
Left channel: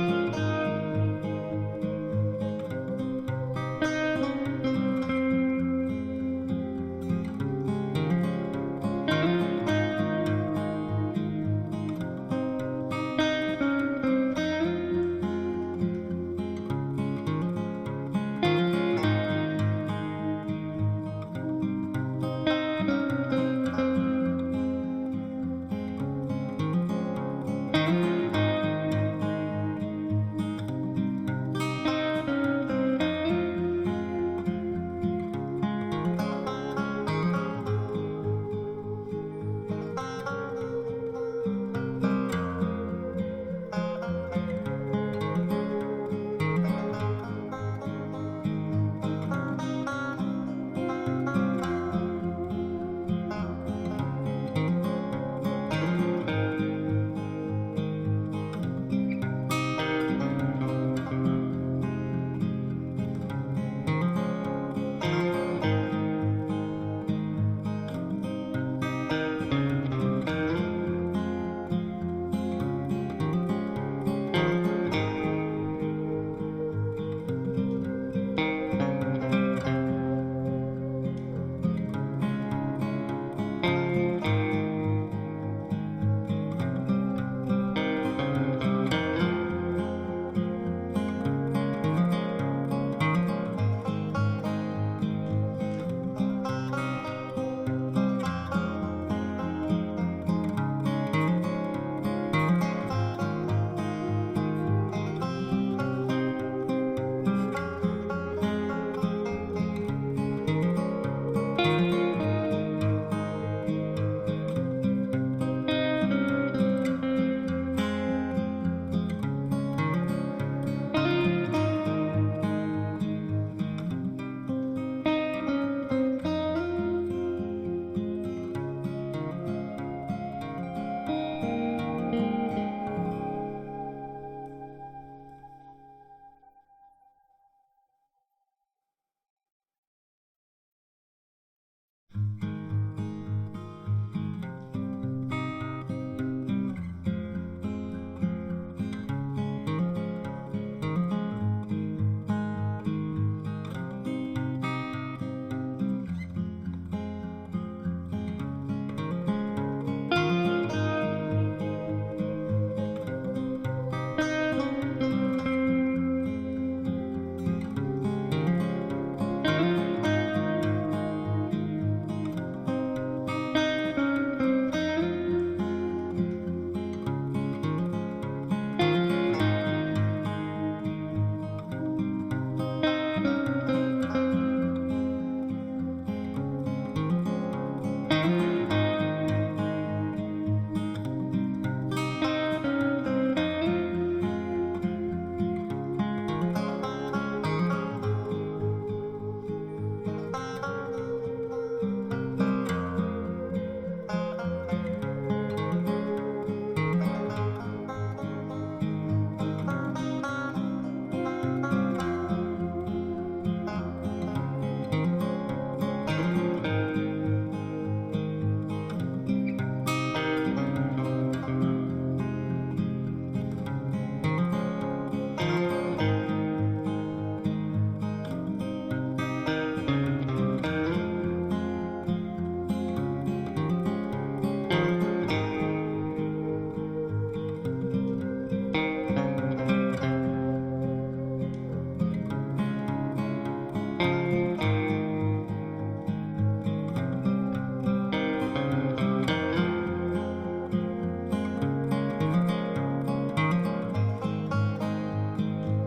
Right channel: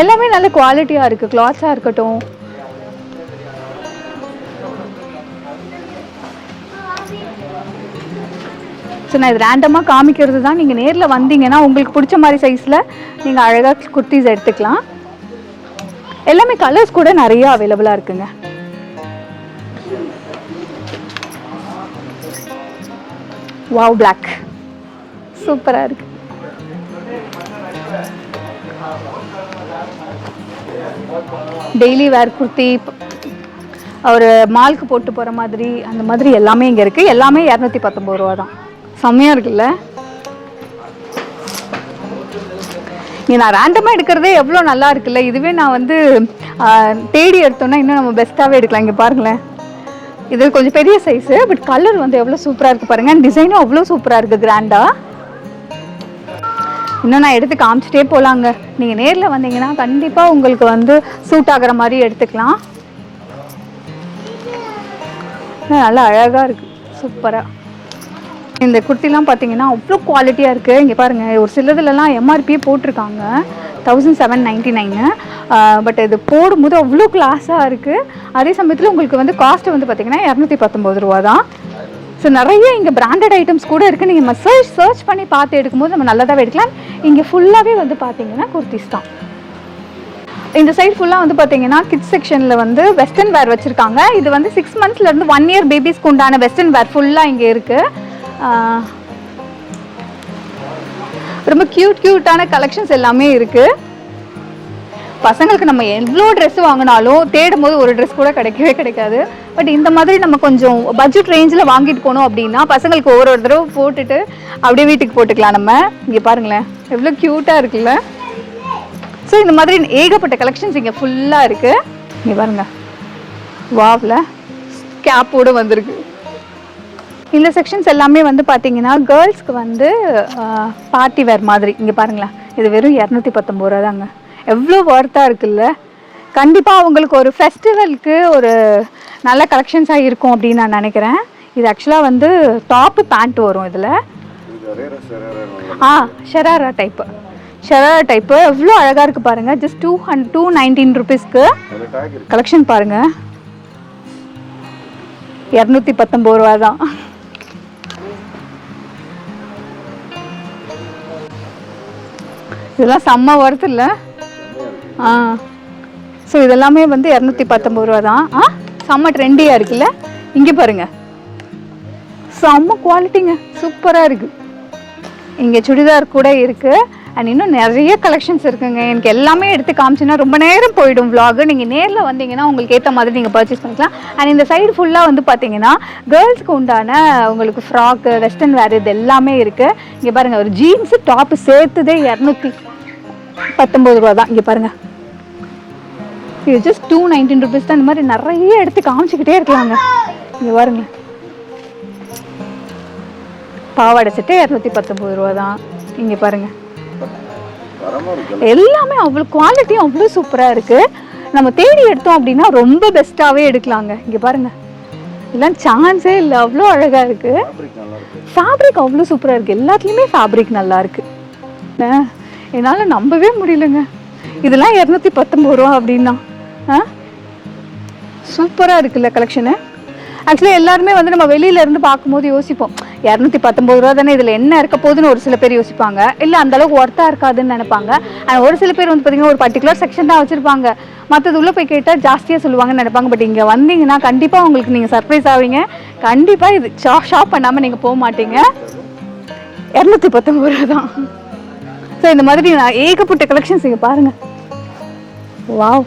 எல்லாமே நல்ல குவாலிட்டியாக இருக்குது கிளாத்ஸாக இருக்கட்டும். ஸோ நான் இது ரேண்டமாக காமிக்கிறது தான். நீங்கள் நேரில் வந்தீங்கன்னா உங்களுக்கு பிடிச்ச மாதிரி சைஸில் நீங்கள் அழகாக குர்த்திஸ் எடுத்துக்கலாம். எல்லாமே கலர்ஸ் கூட நிறையா அவைலபிளாக இருக்குங்க. வாவ் பிளாக் சூப்பராக இருக்கு. டெய்லி வேர் குர்த்தி ஒரு மால்க்கு போட்டு போகிற மாதிரி அந்த மாதிரி எல்லாமே இங்கே இருக்குது எல்லாமே இரநூத்தி பத்தொம்பது ரூபா தான். செம்மையாக இருக்குல்ல? இங்கே நான் ரேண்டமாக எடுக்கிறதே எவ்வளோ நல்லா இருக்குல்ல? இதுவே நான் வந்து தேடி எடுத்தோன்னா இன்னும் நம்ம பெஸ்ட்டாகவே எடுக்கலாம். இங்கே பாருங்களேன். இது கொஞ்சம் பெரிய சைஸு பட் கலர் வந்து எவ்வளோ சூப்பராக இருக்குது பாருங்கள் டிசைனும் அவ்வளோ சூப்பராக இருக்குது கிராண்டாக இன்னும் நான் எடுத்து காமிச்சிட்டே போகலாங்க நீங்கள் நேரில் வந்தீங்கன்னா கண்டிப்பாக உங்களுக்கு வந்து சூட் ஆகுற மாதிரி எடுத்துக்கலாம். நல்லா அழகாக இருக்குது சூப்பராக இந்த குர்த்திலாம் பார்த்தீங்கன்னா அவ்வளோ குவாலிட்டியாக இருக்குது இங்கே பாருங்கள் ஒரு சிலதுலலாம் எம்ஆர்பியே போட்டிருக்காங்க. Thousand seven ninety nine but இது போடும்போது அவ்வளோ கிளாஸாக இருக்குது அதே சமயத்தில் உங்களுக்கு வந்து காஸ்ட் வந்து பார்த்திங்கன்னா இரநூத்தி பத்தொம்பது ரூபா தான். ஸோ நிறைய இங்கே பிராண்டட் ஐட்டம்ஸ் கூட இருக்குது நீங்கள் மெசேஜ் சர்ச் பண்ணி பார்த்து எடுக்கும்போது நம்ம நல்லதாகவே எடுக்கலாம். இங்கே ஃபுல்லாகவே வந்து பார்த்தீங்கன்னா குர்த்திஸ் தான். இந்த சைடு ஃபுல்லாக வந்து பார்த்தீங்கன்னா கிட்ஸ் செக்ஷனில் வந்து வெஸ்டர்ன் வேர் வச்சுருக்காங்க. இது வந்து சிக்ஸ் மந்த்ஸ்லேருந்து ஒன் இயர் பேபிஸ்க்கு உண்டான வெஸ்டர்ன் வேர் ஃபுல்லாக இங்கே இருக்குது ரொம்ப க்யூட் க்யூட்டான கலெக்ஷன்ஸ் எல்லாமே இருக்குது பசங்களுக்கு நம்ம எவ்வளோ ட்ரெஸ் வாங்கினாலும் தேடும் போது ஒரு ட்ரெஸ் கூட கிடைக்கவே கிடைக்காது. பட் இந்த மாதிரி நம்ம கொஞ்சம் பட்ஜெட் ரேஞ்சில் வாங்கிட்டு போனோம் அப்படின்னா பசங்களுக்கு ஒரு ஒரு தடவை போட்டுட்டு அப்படியே வீட்டுக்கு போட்டுக்கலாம் நம்ம. இங்கே பாருங்களேன் எவ்வளோ க்யூட்டாக இருக்குல்ல. ஸோ இந்த மாதிரி ஏகப்பட்ட கலெக்ஷன்ஸ் இங்கே ஃபுல்லாக இருக்குது இங்கே பாருங்கள் வாவில் கேப்போடு வந்திருக்கு. இந்த செக்ஷன்ஸ் எல்லாமே வந்து பார்த்தீங்கன்னா கேர்ள்ஸ்க்கு வந்து பார்ட்டி வேர் மாதிரி. இங்கே பாருங்களேன் இது வெறும் இரநூத்தி பத்தொம்பது ரூபா தாங்க எவ்வளோ ஒர்த்தாக இருக்குல்ல? கண்டிப்பாக அவங்களுக்கு ஒரு ஃபெஸ்டிவலுக்கு ஒரு நல்ல கலெக்ஷன்ஸாக இருக்கும் அப்படின்னு நான் நினைக்கிறேன். இது ஆக்சுவலாக வந்து டாப்பு பேண்ட் வரும் இதில். ஆ ஷராரா டைப்பு ஷராரா டைப்பு எவ்வளோ அழகாக இருக்குது பாருங்கள் just two hundred two nineteen ருபீஸ்க்கு கலெக்ஷன் பாருங்கள் இரநூத்தி பத்தொம்பது ரூபா தான். இதெல்லாம் செம்ம ஒர்த் இல்லை? ஆ. ஸோ இதெல்லாமே வந்து இரநூத்தி பத்தொம்பது ரூபா தான். ஆ? செம்ம ட்ரெண்டியாக இருக்குல்ல? இங்கே பாருங்க. செம்ம குவாலிட்டிங்க சூப்பராக இருக்குது இங்கே சுடிதார் கூட இருக்குது அண்ட் இன்னும் நிறைய கலெக்ஷன்ஸ் இருக்குங்க. எனக்கு எல்லாமே எடுத்து காமிச்சுன்னா ரொம்ப நேரம் போயிடும் vlog. நீங்கள் நேரில் வந்தீங்கன்னா உங்களுக்கு ஏற்ற மாதிரி நீங்கள் பர்ச்சேஸ் பண்ணிக்கலாம். அண்ட் இந்த சைடு ஃபுல்லாக வந்து பார்த்தீங்கன்னா கேர்ள்ஸ்க்கு உண்டான உங்களுக்கு ஃப்ராக்கு வெஸ்டர்ன் வேர் இது எல்லாமே இருக்குது இங்கே பாருங்கள் ஒரு ஜீன்ஸு டாப்பு சேர்த்துதே இரநூத்தி பத்தொம்பது ரூபா தான். இங்கே பாருங்கள் இது ஜஸ்ட் டூ நைன்டீன் ருபீஸ் தான். இந்த மாதிரி நிறைய எடுத்து காமிச்சிக்கிட்டே இருக்கலாங்க. இங்கே பாருங்க. பாவாடை செட்டு இரநூத்தி பத்தொம்பது ரூபா தான். இங்கே பாருங்க. எல்லாமே அவ்வளோ குவாலிட்டியும் அவ்வளோ சூப்பராக இருக்குது நம்ம தேடி எடுத்தோம் அப்படின்னா ரொம்ப பெஸ்ட்டாகவே எடுக்கலாங்க. இங்கே பாருங்க. இதெல்லாம் சான்ஸே இல்லை. அவ்வளோ அழகாக இருக்குது ஃபேப்ரிக் அவ்வளோ சூப்பராக இருக்குது எல்லாத்துலேயுமே ஃபேப்ரிக் நல்லா இருக்குது என்னால் நம்பவே முடியலங்க. இதெல்லாம் இரநூத்தி பத்தொம்பது ரூபா அப்படின்னா. ஆ? சூப்பராக இருக்குல்ல கலெக்ஷனு ஆக்சுவலி எல்லாருமே வந்து நம்ம வெளியில இருந்து பார்க்கும்போது யோசிப்போம். இரநூத்தி பத்தொம்பது ரூபா தானே இதில் என்ன இருக்க போகுதுன்னு ஒரு சில பேர் யோசிப்பாங்க. இல்லை அந்தளவுக்கு ஒர்த்தாக இருக்காதுன்னு நினைப்பாங்க. ஆனால் ஒரு சில பேர் வந்து பார்த்தீங்கன்னா ஒரு பர்டிகுலர் செக்ஷன் தான் வச்சுருப்பாங்க. மற்றது உள்ளே போய் கேட்டால் ஜாஸ்தியாக சொல்லுவாங்கன்னு நினைப்பாங்க. பட் இங்கே வந்தீங்கன்னா கண்டிப்பாக உங்களுக்கு நீங்கள் சர்ப்ரைஸ் ஆவீங்க. கண்டிப்பாக இது ஷா ஷாப் பண்ணாமல் நீங்கள் போக மாட்டீங்க. இரநூத்தி பத்தொம்பது ரூபா தான். ஸோ இந்த மாதிரி நான் ஏகப்பட்ட கலெக்ஷன்ஸ் இங்கே பாருங்க. வாவ்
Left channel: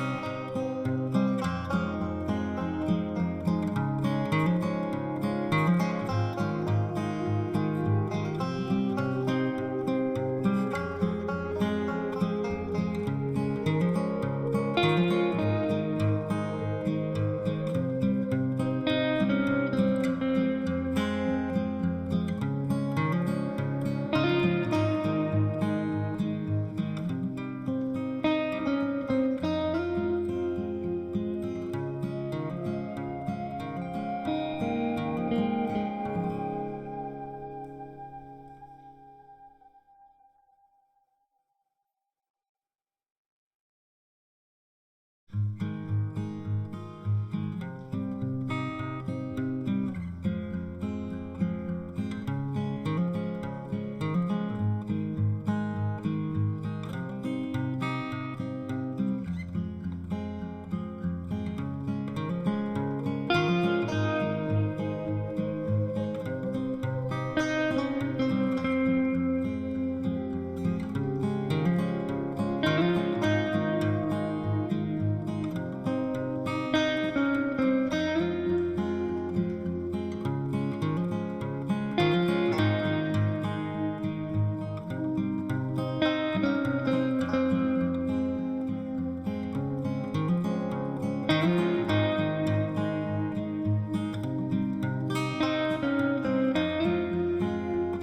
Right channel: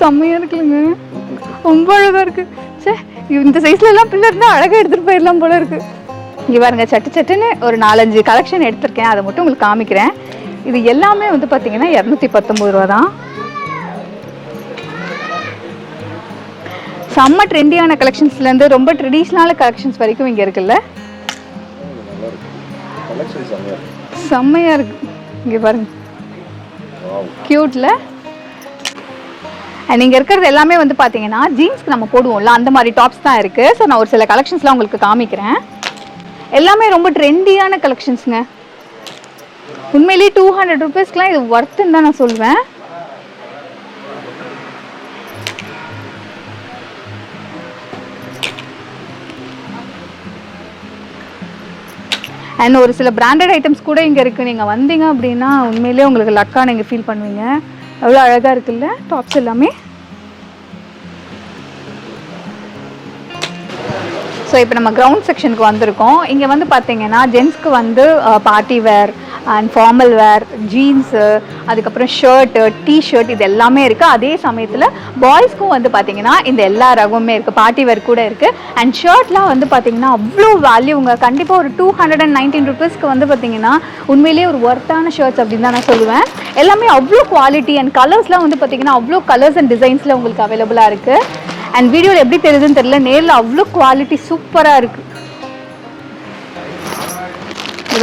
செம்மையாக இருக்குல்லங்க. ரொம்ப அழகாக இருக்கு. சே இந்த சைஸ்ல எல்லாம் பிள்ளை இருந்தால் அழகாக எடுத்துகிட்டு போயிடலாம் போல இருக்கு. இங்கே பாருங்க சட்டு சட்டுன்னு ஒரு நாலஞ்சு கலெக்ஷன் எடுத்திருக்கேன். அதை மட்டும் உங்களுக்கு காமிக்கிறேன். இது எல்லாமே வந்து பார்த்தீங்கன்னா இரநூத்தி பத்தொம்பது ரூபா தான். செம்ம ட்ரெண்டியான கலெக்ஷன்ஸ்லேருந்து ரொம்ப ட்ரெடிஷ்னலான கலெக்ஷன்ஸ் வரைக்கும் இங்கே இருக்குல்ல. செம்மையாக இருக்கு. இங்கே பாருங்க. Wow. அண்ட் இங்கே இருக்கிறது எல்லாமே வந்து பார்த்தீங்கன்னா ஜீன்ஸ்க்கு நம்ம போடுவோம்ல அந்த மாதிரி டாப்ஸ் தான் இருக்குது ஸோ நான் ஒரு சில கலெக்ஷன்ஸ்லாம் உங்களுக்கு காமிக்கிறேன். எல்லாமே ரொம்ப ட்ரெண்டியான கலெக்ஷன்ஸுங்க உண்மையிலேயே டூ ஹண்ட்ரட் ருபீஸ்க்குலாம் இது ஒர்த்துன்னு தான் நான் சொல்லுவேன் அண்ட் ஒரு சில பிராண்டட் ஐட்டம்ஸ் கூட இங்கே இருக்குது நீங்கள் வந்தீங்க அப்படின்னா உண்மையிலேயே உங்களுக்கு லக்காக நீங்கள் ஃபீல் பண்ணுவீங்க. எவ்வளோ அழகாக இருக்குல்ல? டாப்ஸ் எல்லாமே. ஸோ இப்போ நம்ம கிரவுண்ட் செக்ஷனுக்கு வந்திருக்கோம். இங்கே வந்து பார்த்தீங்கன்னா ஜென்ஸ்க்கு வந்து uh, party wear and formal wear jeans அதுக்கப்புறம் ஷர்ட்டு டிஷர்ட் இது எல்லாமே இருக்குது அதே சமயத்தில் பாய்ஸ்க்கும் வந்து பார்த்தீங்கன்னா இந்த எல்லா ரகமுமே இருக்குது பார்ட்டி வேர் கூட இருக்குது அண்ட் ஷர்ட்லாம் வந்து பார்த்தீங்கன்னா அவ்வளோ வேல்யூங்க கண்டிப்பாக ஒரு டூ ஹண்ட்ரட் அண்ட் நைன்டீன் ருபீஸ்க்கு வந்து பார்த்திங்கன்னா உண்மையிலேயே ஒரு ஒர்த்தான ஷர்ட்ஸ் அப்படின்னு தான் நான் சொல்லுவேன். எல்லாமே அவ்வளோ குவாலிட்டி அண்ட் கலர்ஸ்லாம் வந்து பார்த்திங்கன்னா அவ்வளோ கலர்ஸ் அண்ட் டிசைன்ஸில் உங்களுக்கு அவைலபிளாக இருக்குது அண்ட் வீடியோவில் எப்படி தெரியுதுன்னு தெரியல. நேரில் அவ்வளோ குவாலிட்டி சூப்பராக இருக்குது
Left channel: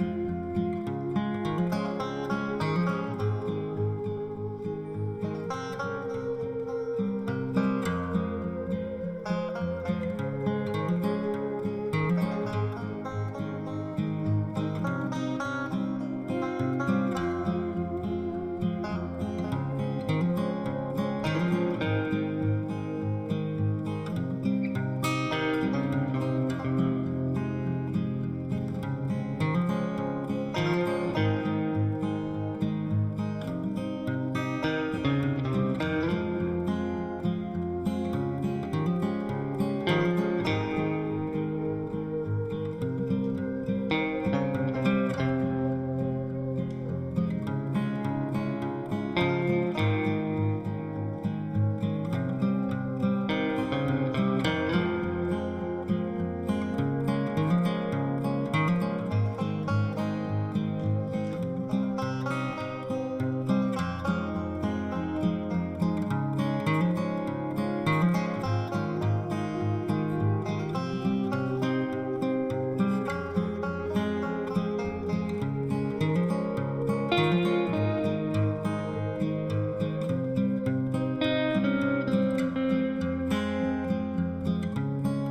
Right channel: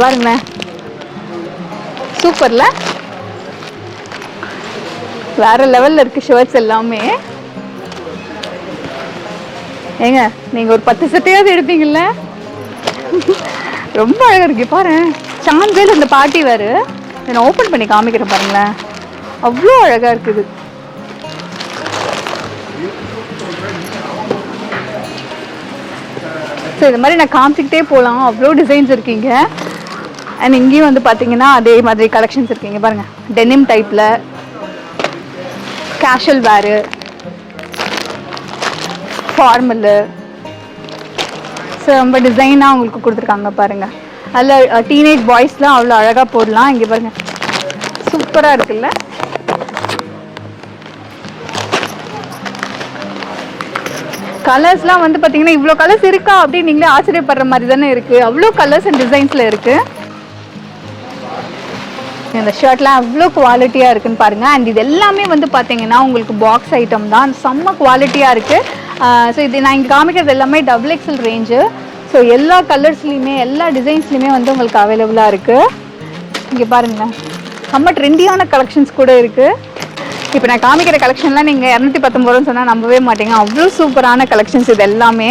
பாருங்களேன். சூப்பர்ல. வேற லெவல்ல இருக்கு ஷர்ட்ஸ் எல்லாமே. ஏங்க நீங்க ஒரு பத்து சட்டையாவது எடுப்பீங்கல்ல? ரொம்ப அழகா இருக்கு பாரு சான்சேல் இந்த பாட்டி வேறு. நான் ஓப்பன் பண்ணி காமிக்கிறேன் பாருங்களேன். அவ்வளோ அழகா இருக்குது ஸோ இது மாதிரி நான் காமிச்சிக்கிட்டே போகலாம் அவ்வளோ டிசைன்ஸ் இருக்கீங்க. அண்ட் இங்கேயும் வந்து பார்த்தீங்கன்னா அதே மாதிரி கலெக்ஷன்ஸ் இருக்கீங்க பாருங்க. டெனிம் டைப்பில் கேஷுவல் வேரு ஃபார்மலு ஸோ ரொம்ப டிசைனாக உங்களுக்கு கொடுத்துருக்காங்க பாருங்க. அதில் டீனேஜ் பாய்ஸ்லாம் அவ்வளோ அழகாக போடலாம். இங்கே பாருங்க. சூப்பராக இருக்குல்ல? கலர்ஸ்லாம் வந்து பார்த்தீங்கன்னா இவ்வளோ கலர்ஸ் இருக்கா அப்படின்னு நீங்களே ஆச்சரியப்படுற மாதிரி தானே இருக்குது அவ்வளோ கலர்ஸ் அண்ட் டிசைன்ஸில் இருக்குது இந்த ஷர்ட்லாம் அவ்வளோ குவாலிட்டியாக இருக்குன்னு பாருங்கள் அண்ட் இது எல்லாமே வந்து பார்த்தீங்கன்னா உங்களுக்கு பாக்ஸ் ஐட்டம் தான். செம்ம குவாலிட்டியாக இருக்குது ஸோ இது நான் இங்கே காமிக்கிறது எல்லாமே டபுள் எக்ஸல் ரேஞ்சு ஸோ எல்லா கலர்ஸ்லையுமே எல்லா டிசைன்ஸ்லையுமே வந்து உங்களுக்கு அவைலபிளாக இருக்குது இங்கே பாருங்களேன் செம்ம ட்ரெண்டியான கலெக்ஷன்ஸ் கூட இருக்குது இப்போ நான் காமிக்கிற கலெக்ஷன்லாம் நீங்கள் இரநூத்தி பத்தொம்பது ரூபான்னு சொன்னால் நம்பவே மாட்டீங்க. அவ்வளோ சூப்பரான கலெக்ஷன்ஸ் இது எல்லாமே.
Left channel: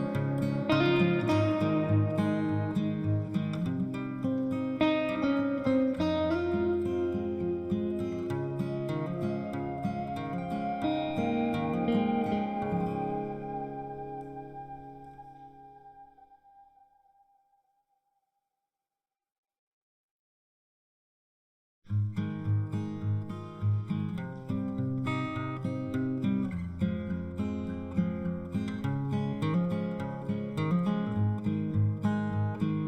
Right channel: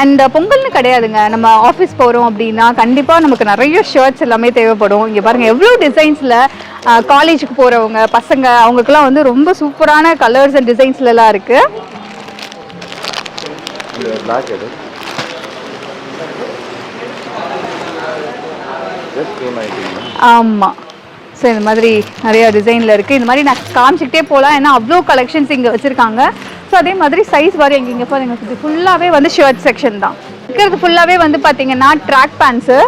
அண்ட் பொங்கல்னு கிடையாதுங்க. நம்ம ஆஃபீஸ் போகிறோம் அப்படின்னா கண்டிப்பாக நமக்கு நிறைய ஷர்ட்ஸ் எல்லாமே தேவைப்படும். இங்கே பாருங்கள் எவ்வளோ டிசைன்ஸில் காலேஜுக்கு போகிறவங்க பசங்க அவங்களுக்குலாம் வந்து ரொம்ப சூப்பரான கலர்ஸ் அண்ட் டிசைன்ஸ்லலாம் இருக்குது ஆமாம் ஸோ இந்த மாதிரி நிறைய டிசைனில் இருக்குது இந்த மாதிரி நான் காமிச்சிக்கிட்டே போகலாம். ஏன்னா அவ்வளோ கலெக்ஷன்ஸ் இங்கே வச்சுருக்காங்க. ஸோ அதே மாதிரி சைஸ் வர இங்கே இங்கே பாருங்க இது ஃபுல்லாகவே வந்து ஷர்ட் செக்ஷன் தான். இருக்கிறது ஃபுல்லாகவே வந்து பார்த்தீங்கன்னா ட்ராக் பேண்ட்ஸு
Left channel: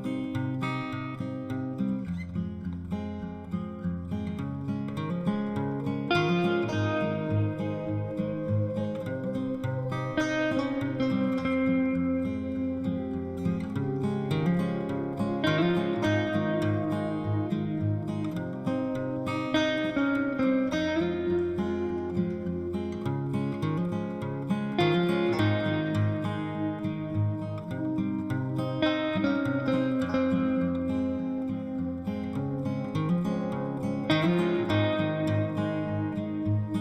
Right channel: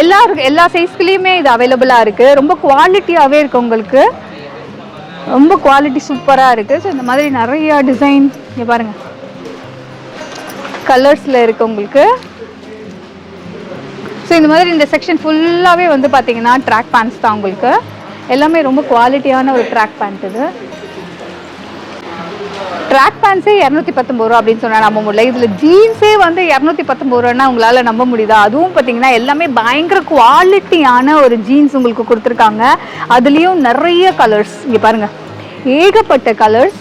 எல்லா எல்லா சைஸ்க்குலேயுமே இது அவைலபிளாக இருக்குது ரொம்ப குவாலிட்டியாகவே இருக்குது உங்களுக்கு. ரொம்ப குவாலிட்டி சூப்பராக இருக்குது ஸோ இந்த மாதிரி நிறையா டிசைன் இங்கே பாருங்கள் கலர்ஸில் இருக்குது உங்களுக்கு. ஸோ இந்த மாதிரி இந்த செக்ஷன் ஃபுல்லாகவே வந்து பார்த்தீங்கன்னா ட்ராக் பேண்ட்ஸ் தான் உங்களுக்கு. எல்லாமே ரொம்ப குவாலிட்டியான ஒரு ட்ராக் பேண்ட் இது. ட்ராக் பேண்ட்ஸே இரநூத்தி பத்தொம்பது ரூபா அப்படின்னு சொன்னால் நம்ப முடியல இதில் ஜீன்ஸே வந்து இரநூத்தி பத்தொம்பது ரூபான்னா உங்களால் நம்ப முடியுதா? அதுவும் பார்த்தீங்கன்னா எல்லாமே பயங்கர குவாலிட்டியான ஒரு ஜீன்ஸ் உங்களுக்கு கொடுத்துருக்காங்க. அதுலேயும் நிறைய கலர்ஸ் இங்கே பாருங்கள் ஏகப்பட்ட கலர்ஸ்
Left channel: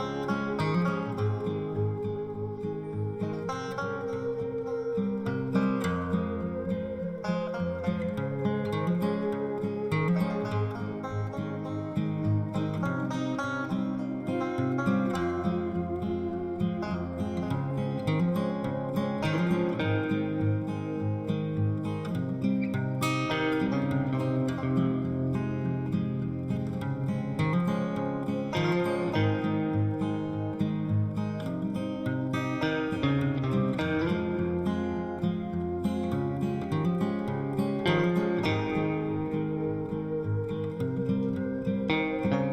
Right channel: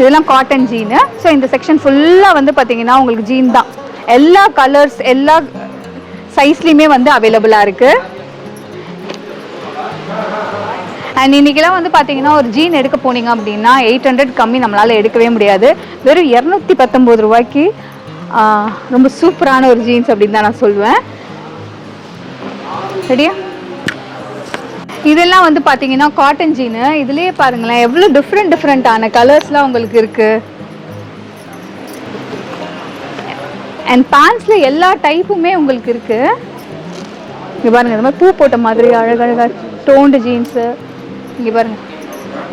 இதெல்லாம் காட்டன் ஜீனு ஸோ இந்த செக்ஷன் ஃபுல்லாக வந்து பார்த்தீங்கன்னா உங்களுக்கு ஜீன் தான். எல்லா கலர்ஸ் எல்லா சைஸ்லேயுமே வந்து அவைலபிளாக இருக்குது அண்ட் இன்றைக்கெல்லாம் வந்து பார்த்தீங்கன்னா ஒரு ஜீன் எடுக்க போனீங்க அப்படின்னா எயிட் ஹண்ட்ரட் கம்மி நம்மளால் எடுக்கவே முடியாது. வெறும் இரநூத்தி பத்தொம்போது ரூபாய்க்கு ரொம்ப சூப்பரான ஒரு ஜீன்ஸ் அப்படின்னு தான் நான் சொல்லுவேன் சரியா இதெல்லாம் வந்து பார்த்தீங்கன்னா காட்டன் ஜீனு இதுலயே பாருங்களேன் எவ்வளோ டிஃப்ரெண்ட் டிஃப்ரெண்ட்டான கலர்ஸ்லாம் உங்களுக்கு இருக்கு. அண்ட் பேண்ட்ஸில் எல்லா டைப்புமே உங்களுக்கு இருக்குது இங்கே பாருங்க இந்த மாதிரி பூ போட்ட மாதிரி அழகழகாக டோண்டு ஜீன்ஸு இங்கே பாருங்க.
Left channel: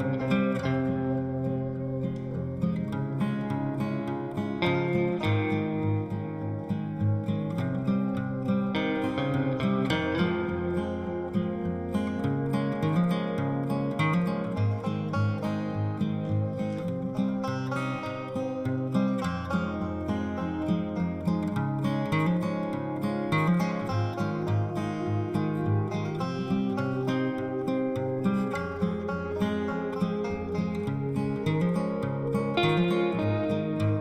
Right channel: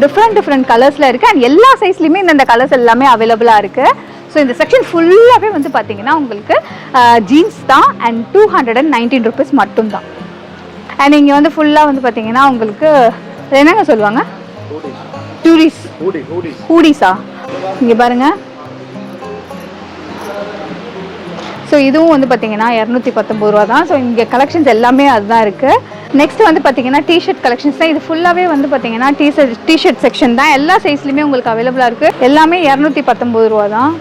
டிஃப்ரெண்ட் டிஃப்ரெண்ட் கலர்ஸில் இருக்குது அண்ட் எல்லா சைஸ்லையுமே இந்தந்த கலர்ஸ் எல்லாமே அவைலபிளாக இருக்குது ஸோ இந்த செக்ஷன் ஃபுல்லாகவே வந்து பார்த்தீங்கன்னா உங்களுக்கு ஜீன்ஸ் தான் and two hundred and nineteen rupees மட்டும்தான். அண்ட் இங்கே வந்து ஃபுல்லாக வந்து பார்த்தீங்கன்னா உங்களுக்கு என்னங்க சொல்லுவாங்க? டூரிஸ் ஹூடி ஹூடி ஹூடிஸா இங்கே பாருங்க. ஸோ இதுவும் வந்து பார்த்தீங்கன்னா இரநூத்தி பத்தொம்பது ரூபா தான் ஸோ இங்கே கலெக்ஷன்ஸ் எல்லாமே அதுதான் இருக்குது நெக்ஸ்ட் வந்து பார்த்தீங்கன்னா டிஷர்ட் கலெக்ஷன்ஸ் தான். இது ஃபுல்லாகவே வந்து பார்த்தீங்கன்னா டிஷர்ட் டிஷர்ட் செக்ஷன் தான். எல்லா சைஸ்லையுமே உங்களுக்கு அவைலபிளாக இருக்குது எல்லாமே இரநூத்தி பத்தொம்பது ரூபா தான்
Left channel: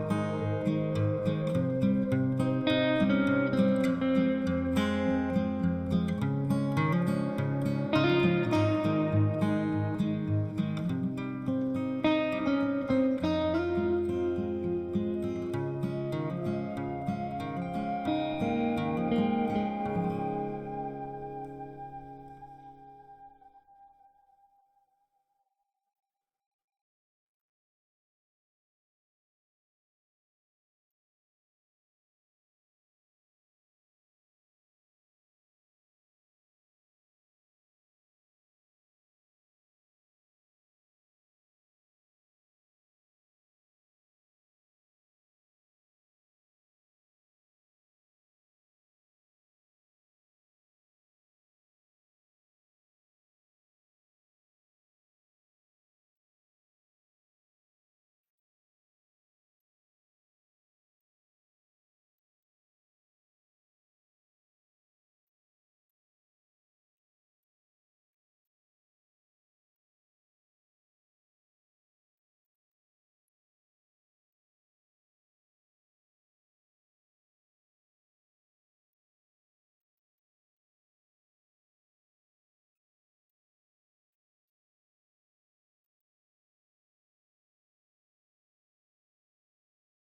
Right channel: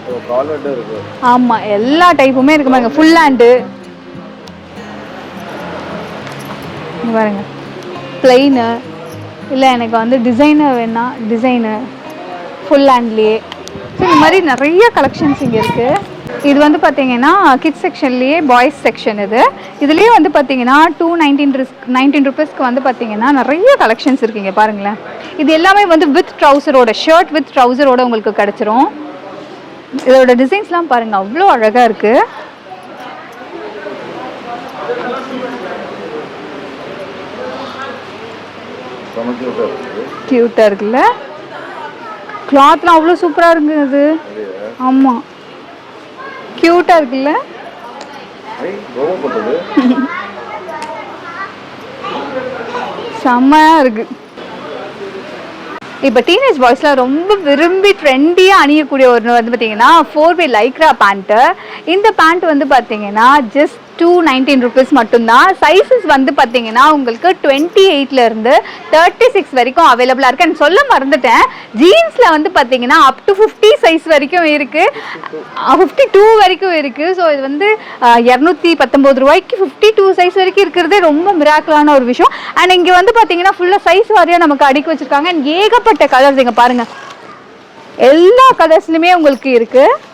ஆமாம் எல்லா டைப்புமே இருக்கு பாருங்க. ஃபுல் ஹேண்டு பாருங்க. பிளெயினு இல்லை எனக்கு வந்து டிசைனர் வேணா டிசைனு ஃபுல் ஹேண்ட்லேயே ஸோ இந்த மாதிரி நிறைய கலெக்ஷன்ஸ் இங்கே இருக்குது இது வந்து பார்த்தீங்கன்னா கிட்ஸ் செக்ஷன்லேயே பாய்ஸ் செக்ஷன் இது. இதுலேயே வந்து பார்த்தீங்கன்னா டூ நைன்டீன் ரிஸ்க் நைன்டீன் ருபீஸ்க்கு வந்து பார்த்தீங்கன்னா நிறைய கலெக்ஷன்ஸ் இருக்குங்க பாருங்களேன். இது எல்லாமே வந்து வித் ட்ரௌசரோட ஷர்ட் வித் ட்ரௌசரோட உங்களுக்கு கிடச்சிரும். இதோட டிசைன்ஸ்லாம் பாருங்கள் அவ்வளோ அழகாக இருக்குது க்யூட்டாக இருக்குல்ல? கிளாத்லாம் அவ்வளோ சூப்பராக இருக்குது ஆமாம் க்யூட்டாக இருக்குல்ல? செம்மையாக இருக்கு. இப்போ டீனேஜ் பாய்ஸ்லாம் ரொம்ப விரும்பி ட்ரெண்டியாக அணியக்கூடிய ஒன்று வந்து பார்த்தீங்கன்னா ஃபோர் வே லைக்ரா பேண்ட்டு இந்த பேண்ட் வந்து பார்த்தீங்கன்னா ஜஸ்ட் டூ நைன்டீன் ருபீஸ் மட்டும்தான். சைஸஸ் வந்து பார்த்தீங்கன்னா உங்களுக்கு டுவெண்ட்டி இருந்து தேர்ட்டி சிக்ஸ் வரைக்கும் அவைலபிளாக இருக்குது அண்ட் சொல்ல மறந்துட்டேன். ஜீன்ஸில் வந்து பார்த்தீங்கன்னா அப் டு ஃபிஃப்டி சைஸ் வரைக்கும் இருக்குது ஃபிஃப்டி டூ வரைக்கும் இருக்குது ஸோ இது வந்து இரநூத்தி பத்தொம்போது ரூபாய்க்கு ஃபிஃப்டி டூ சைஸ் வரைக்கும் இருக்கிறதே ரொம்ப மிராக்கலான ஒரு விஷயம். அண்ட் இங்கே வந்து பார்த்தீங்கன்னா ஃபுல்லாக சைஸ் வாரியாக நமக்கு அடுக்கி வச்சுருக்காங்க. அண்ட் ஏகப்பட்ட கலர்ஸ் இங்கே பாருங்கள் எல்லா கலர்ஸ்லையுமே உங்களுக்கு இருக்குது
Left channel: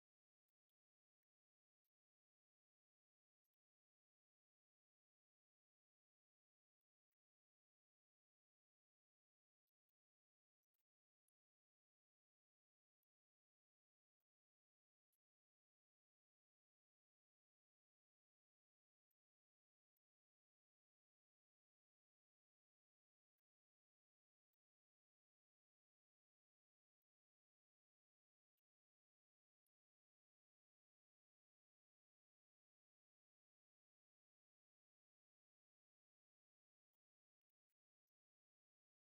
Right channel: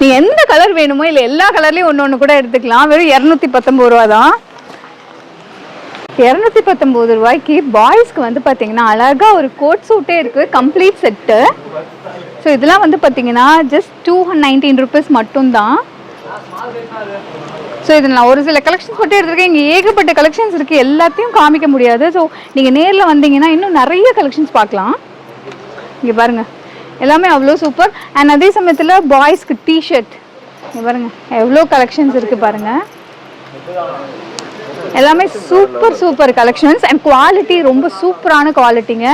நீ எந்த கலர் வேணுமோ இல்லை எல்லா கலர்லேயும் ஒன்று ஒன்று கூட எடுத்துக்கலாம். வெறும் இரநூத்தி பத்தொம்பது ரூபா தான். இரநூத்தி பத்தொம்போது ரூபாய்க்கு பாய்ஸ்க்கு வந்து பார்த்தீங்கன்னா அழகாக ஒரு கோட் சூட்டே இருக்குது கம்ப்ளீட் செட்டு ஸோ இதெல்லாம் வந்து பார்த்தீங்கன்னா ஜஸ்ட் டூ நைன்டீன் ருபீஸ் மட்டும்தான். ஸோ இது நான் ஒரு சில கலெக்ஷன்ஸ் மட்டும் எடுத்திருக்கேன். இங்கே ஏகப்பட்ட கலெக்ஷன்ஸ் இருக்குது எல்லாத்தையும் காமிக்க முடியாது. ஸோ நீங்கள் நேரில் வந்தீங்கன்னா இன்னும் நிறைய கலெக்ஷன்ஸ் பார்க்கலாம். இங்கே பாருங்கள் எல்லாமே அவ்வளோ சூப்பர். அண்ட் அதே சமயத்தில் பாய்ஸ்க்கு டிஷர்ட் இங்கே பாருங்க எவ்வளோ கலெக்ஷன்ஸ் இருக்குது பாருங்க. எல்லாமே super super collections and quality ரொம்ப சூப்பரான குவாலிட்டிங்க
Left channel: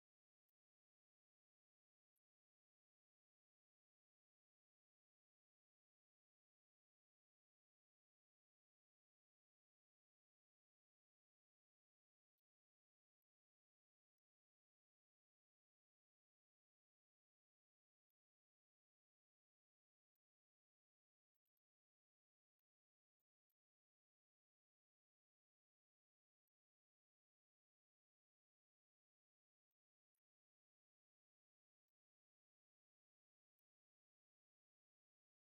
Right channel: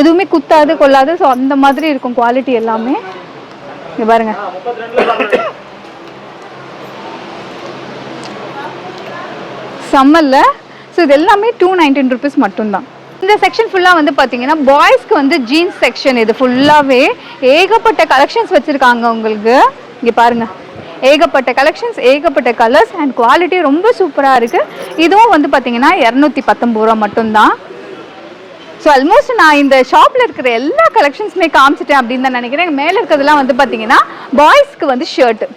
எதுவுமே குத்தாது கொள்ளாது. ஸோ அந்த மாதிரி இருக்கும் குவாலிட்டி எல்லாமே. இங்கே பாருங்க. சம்மரில் ஸோ இது எல்லாமே டூ நைன்டீன் ருபீஸ் மட்டும்தான். இந்த செக்ஷன் ஃபுல்லாக வந்து பார்த்தீங்கன்னா பாய்ஸ்க்கு வந்து ஜீன்ஸ் செக்ஷன் இது ஃபுல்லாகவே ஏகப்பட்ட கலெக்ஷன்ஸ் வச்சுருக்காங்க உங்களுக்கு. இங்கே பாருங்க. ஏகப்பட்ட கலெக்ஷன்ஸ் ஏகப்பட்ட கலர்ஸ் அண்ட் குவாலிட்டி ரொம்ப சூப்பராக இருக்குது இதுவும் வந்து பார்த்தீங்கன்னா இரநூத்தி பத்தொம்பது ரூபா மட்டும்தான். ஸோ ஆல்மோஸ்ட் நான் இந்த ஷாப்பில் இருக்கிற எல்லா கலெக்ஷன்ஸுமே காமிச்சிட்டேன் அப்படின்னு தான் நினைக்கிறேன். மேலே இருக்கிறதுலாம் வந்து பார்த்தீங்கன்னா பாய்ஸ்க்கு வந்து ஷர்ட்டு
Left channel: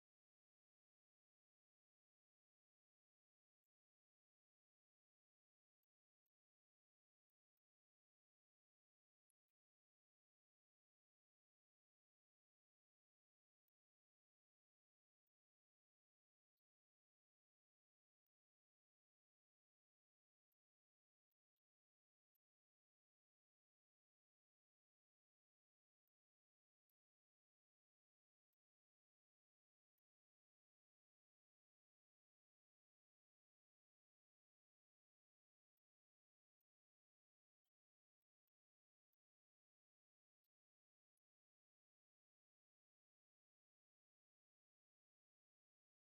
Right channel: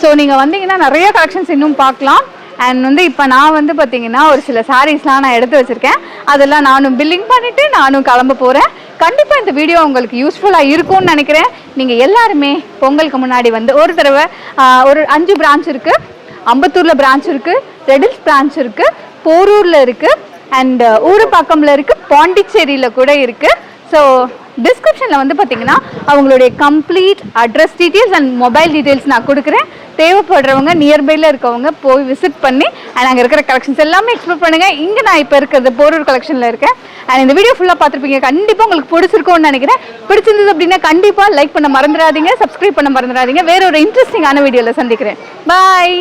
ஸோ நீங்கள் வந்தீங்கன்னா நிறைய கலெக்ஷன்ஸ் இன்னும் பார்க்கலாம். அண்ட் வந்து இப்போ நான் வந்து பார்த்தீங்கன்னா ஒரு சில சாரீஸ்லாம் நான் எடுத்து வச்சுருக்கேன். அதெல்லாம் நானும் பில்லிங் பண்ணிவிட்டு நானும் கிளம்ப போகிறேன் கண்டிப்பாக இந்த வீடியோ உங்களுக்கு யூஸ்ஃபுல்லாக இருக்கும்னு நினைக்கிறேன். நீங்கள் எல்லாருமே பொங்கலுக்கு முன்னாடி வந்து ஒரு தடவை ஒரு அஞ்சு பிரான்ச் இருக்குது அம்பத்தூரில் பிரான்ச் இருக்குது ரெடில்ஸ் பிரான்ச் இருக்குது போரூரில் இருக்குது அண்ட் பக்கமில் இருக்குது பாண்டிச்சேரியில் கூட இருக்குது ஸோ டிஸ்கிரிப்ஷனில் வந்து பார்த்தீங்கன்னா அவங்களுடைய complete address details and mobile details நான் கொடுக்குறேன். தேவைப்படுறவங்க நியர்பையில் இருக்கவங்க போய் விசிட் பண்ணி அண்ட் அங்கே இருக்கிற கலெக்ஷன்ஸ் எல்லாமே எக்ஸ்ப்ளோர் பண்ணுங்கள் இங்கே நான் இப்போ இருக்கிறது போரூர் கலெக்ஷனில் இருக்கேன். அண்ட் இந்த வீடியோ ஃபுல்லாக பார்த்துருப்பீங்க. கண்டிப்பாக உங்களுக்கு பிடிச்சிருக்கோன்னு நினைக்கிறேன். பிடிச்சிருந்தது அப்படின்னா கண்டிப்பாக லைக் பண்ண மறந்துடாதீங்க சப்ஸ்கிரைப் பண்ண மறந்துடாதீங்க. வேற ஒரு இன்ட்ரெஸ்டிங்கான வீடியோவில் சந்திக்கிறேன். பாய்